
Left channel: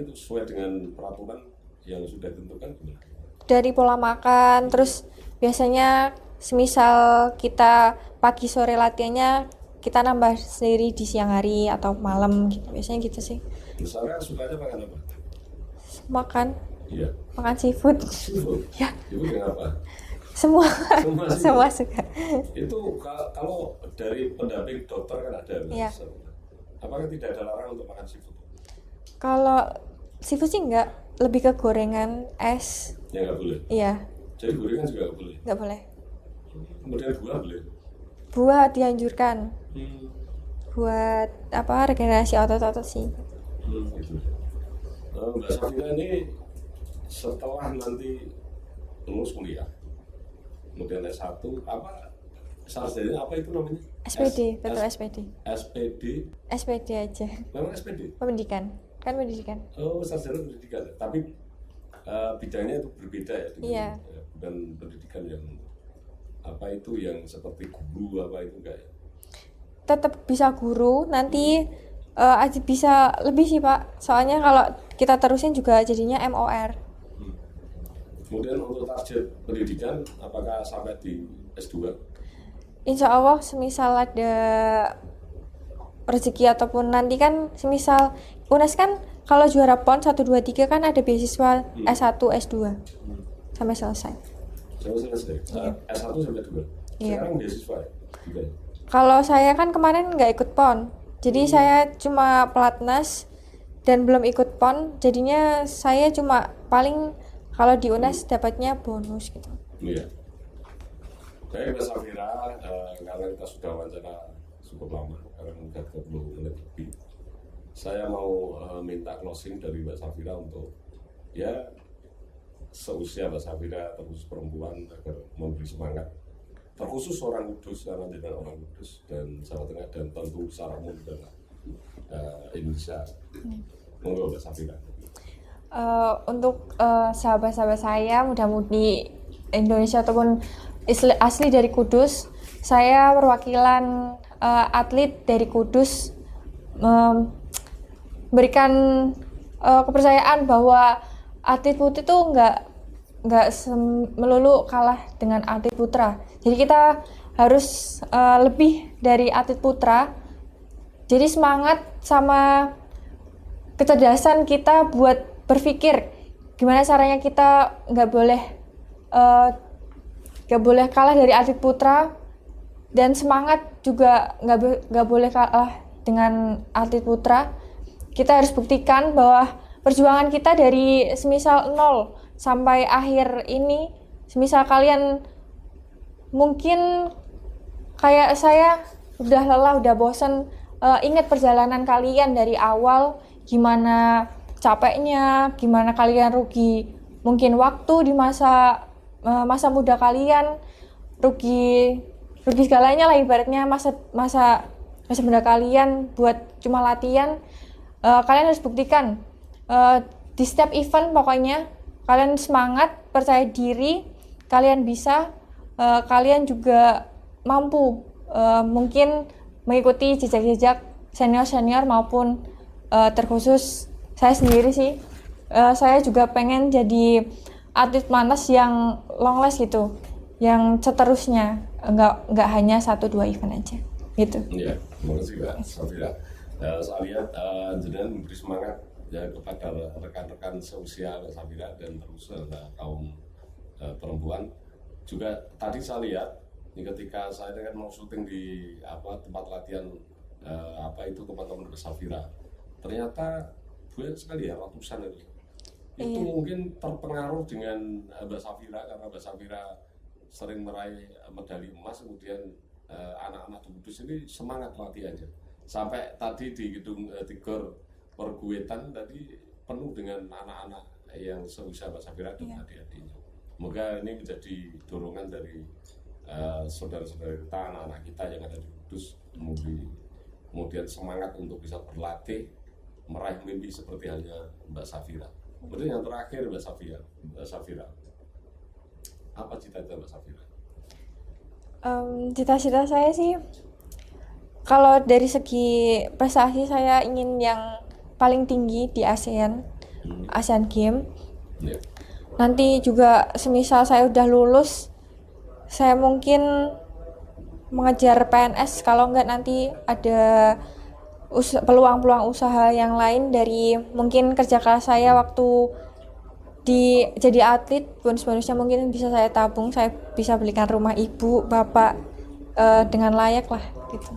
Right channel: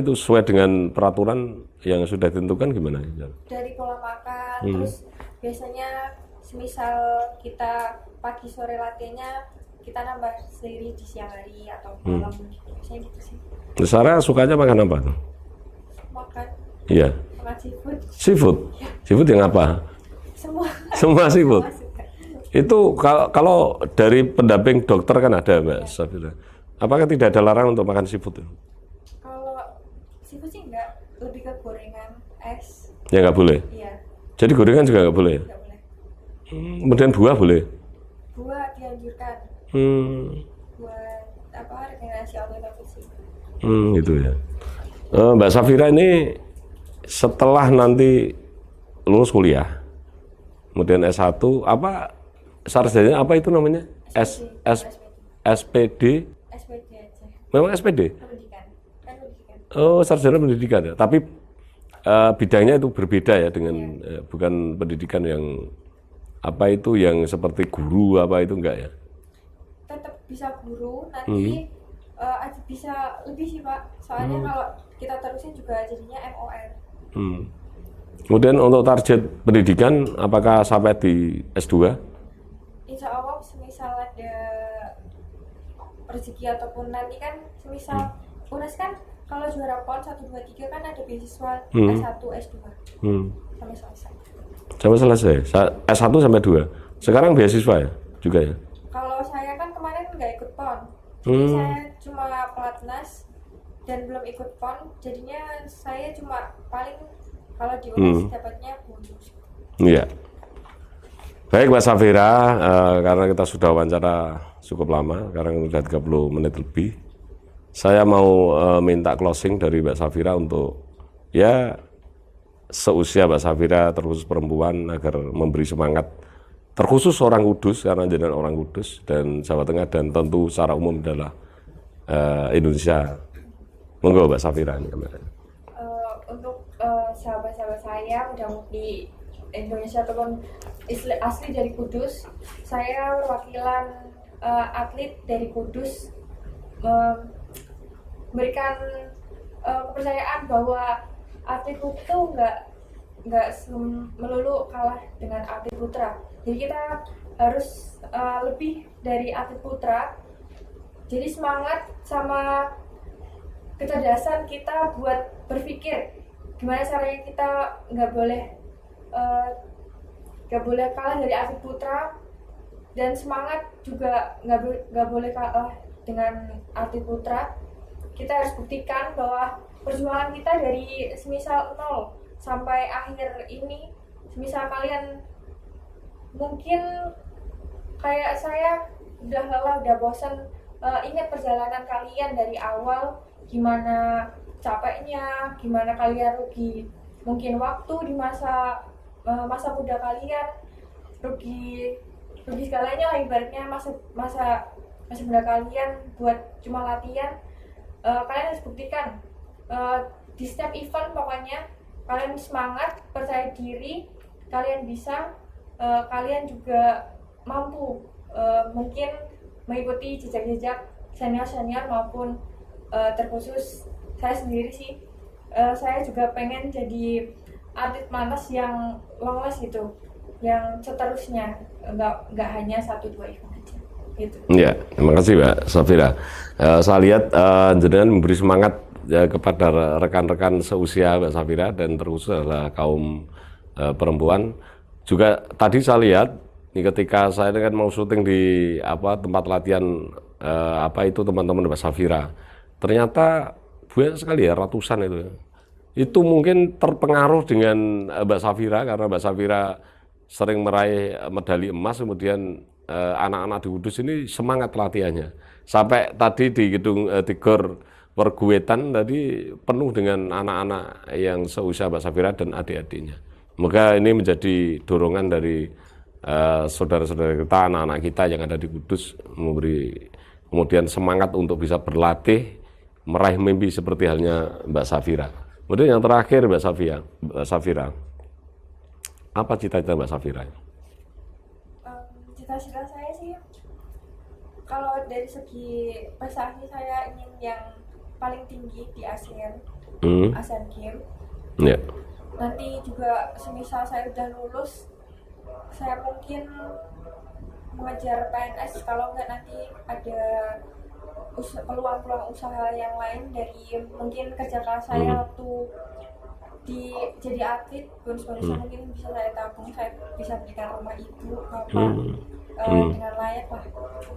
sesuai dengan peraturan yang sudah ditentukan gimana? Dari pola makan, terus biasanya semisal kita pagi sore latihannya kita nambah sendiri di siang hari atau malam gitu. Biasanya gitu sih. Sarah sukanya makan apa? Makan. Iya. Makan seafood. Seafood? Ya. Seafood yang apa? Semua. Semua seafood? Semua suka. Itu kalau dari pendamping dokter kan ada Mbak Safira. Apakah tidak ada larangan untuk makan seafood? Kalau seafood sih enggak, lebih ke gorengan, es. Ya nggak boleh? Iya. Jadi gorengan juga nggak boleh? Nggak boleh. Kemudian buah boleh? Buah dianjurkan. Buat regenerasi otot-otot sih. Gitu ya. Mbak Safira ini setelah nanti lulus kuliah, kemudian S1, sarjana apa itu namanya? SPD, SPD. SPD? SPD aja. Memang SPD? Pendidikan. Kan pendidikan. Oh, sarjana pendidikan ya. Tapi bidangnya itu berbeda ya dengan bukan pendidikan yang yang seperti guru itu enggak ya? Tetap bisa guru, nanti bisa lebih sih, Pak. Soalnya kalau kita terusin juga jadinya MOR. Kemudian untuk target pendidikan apakah sampai di S2? Insya Allah semisal ada rezeki ataupun nanti kan semisal UNES kan kalau juara PON 1, 2, 3 kan ada beasiswa S1, S2 sampai selesai. Sampai selesai? S1 sampai 2? Sekarang beasiswa ya? Juga ya? Kalau saya kan kemarin nggak ikut PON, jadi saya cuma pelatnas dan belum ikut PON, jadinya saya cuma paling kalau di UNES dapatnya bonus gitu. Iya. Baik Mbak Safira, karena kita sudah wawancara cukup lama, sekarang sudah 30 menit lebih. Saya mau minta closing dari Mbak Safira untuk seusia Mbak Safira terkhusus perempuan agar memberi semangat terkhusus orang Kudus karena jadi orang Kudus dan Jawa Tengah dan tentu secara umum adalah Indonesia. Monggo Mbak Safira. Untuk sahabat-sahabat saya mudah-mudi Indonesia ataupun asli dari Kudus, saya perwakilan atlet dari Kudus memberikan kepercayaan bahwa atlet putri itu nggak melulu kalah dengan atlet putra. Jadi kita harus lebih dari atlet putra. Jadi semangat sama kecerdasan kita buat berpikir gimana caranya kita nggak boleh kalah dari atlet putra, dan semangat juga nggak boleh kalah dengan atlet putra. Kita harus buktikan bahwa perjuangan kita dari semisal 0 sampai akhir ini, semisal kalian mungkin kayak saya udah lelah, udah bosan, ingat perjalanan kalian dari awal, gimana capeknya, gimana kalian rugi mungkin waktu di masa muda kalian, rugi segalanya lah ibaratnya masa muda kalian buat cuma latihan. Kalian harus buktikan di setiap event, pokoknya kalian semangat, percaya diri, kalian bisa, kalian juga mampu mungkin mengikuti jejak-jejak senior-senior maupun terkhusus saya sendiri sih. Saya juga pengen jadi atlet manas yang long last gitu, yang seterusnya, nggak hanya 1-2 event aja gitu. Ya, terima kasih Mbak Safira. Saya lihat jenengan memberi semangat kepada rekan-rekan seusia Mbak Safira dan terkhusus adalah kaum perempuan. Juga tadi saya lihat ketika saya kan mau syuting di tempat latihan teman-teman Mbak Safira, ternyata banyak sekali ya, ratusan itu. Itu mungkin terpengaruh dengan Mbak Safira karena Mbak Safira sering meraih medali emas, kemudian anak-anak di Kudus ini semangat latihannya. Sampai tadi di gedung di Gor Perguetan tadi penuh dengan anak-anak yang seusia Mbak Safira dan adik-adiknya. Moga ini menjadi dorongan dari saudara-saudara kita, anak-anak kita yang ada di Kudus, memberi kemudian semangat untuk bisa berlatih, meraih mimpi seperti halnya Mbak Safira. Kemudian yang terakhir Mbak Safira, apa cita-cita Mbak Safira? Cita-cita saya sih, kalau dari segi prestasi saya ingin yang paling tinggi di Asian Games. Yeah. Nanti juga semisal saya udah lulus, saya mungkin mengejar PNS, kalau enggak nanti ada peluang-peluang usaha yang lain dari mungkin kerja keras saya waktu jadi atlet. Bonus-bonusnya mungkin bisa saya tabung, saya bisa belikan rumah ibu, bapak dengan layak lah gitu.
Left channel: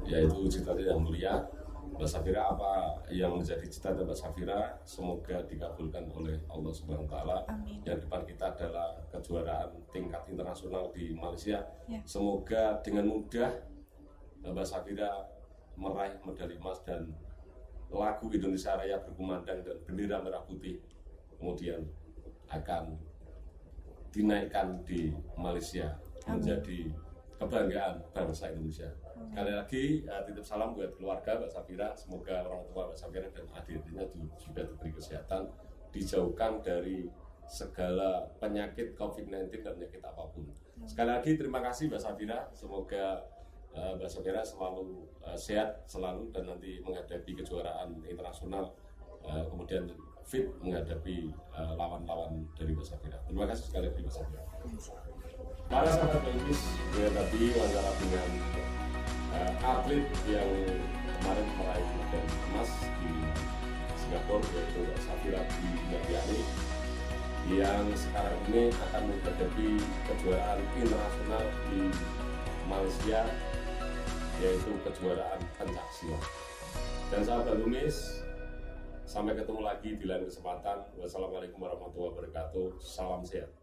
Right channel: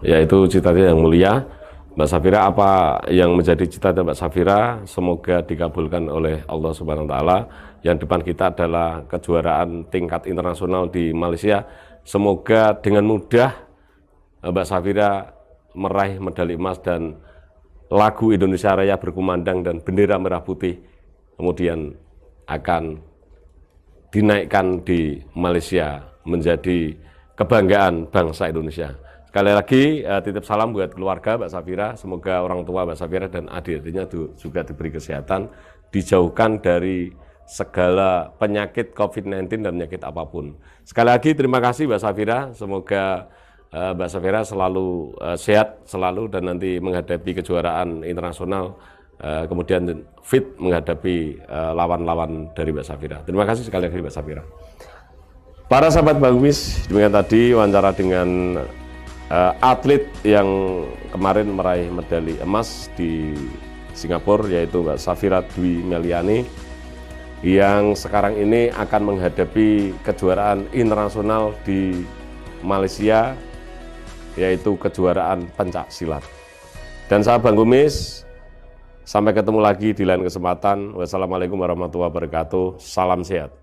Ya itu cita-cita yang mulia. Mbak Safira, apa yang menjadi cita-cita Mbak Safira semoga dikabulkan oleh Allah Subhanahu wa taala. Yang depan kita adalah kejuaraan tingkat internasional di Malaysia. Semoga dengan mudah Mbak Safira meraih medali emas dan lagu Indonesia Raya berkumandang dan bendera merah putih kemudian akan dinaikkan di Malaysia menjadi kebanggaan bangsa Indonesia. Sekali lagi titip salam buat keluarga Mbak Safira, semoga orang tua Mbak Safira dan adik-adiknya juga diberi kesehatan, dijauhkan dari segala penyakit COVID-19 dan penyakit apapun. Sekali lagi terima kasih Mbak Safira, semoga Mbak Safira selalu sehat selalu dan nanti menghadapi kejuaraan internasional kemudian fit menghadapi lawan-lawan dari Mbak Safira. Terima kasih sekali lagi Mbak Safira. Para sahabat Bagumis, demikian tadi wawancara dengan atlet yang kemarin meraih medali emas di Singapura, yaitu Mbak Safira Dwi Meliani, yang sekarang ini akan menghadapi kejuaraan internasional di Malaysia, yaitu kejuaraan pencak silat. Dan sahabat Bagumis, sampai ketemu lagi di lain kesempatan. Wassalamualaikum warahmatullahi wabarakatuh. Salam sehat.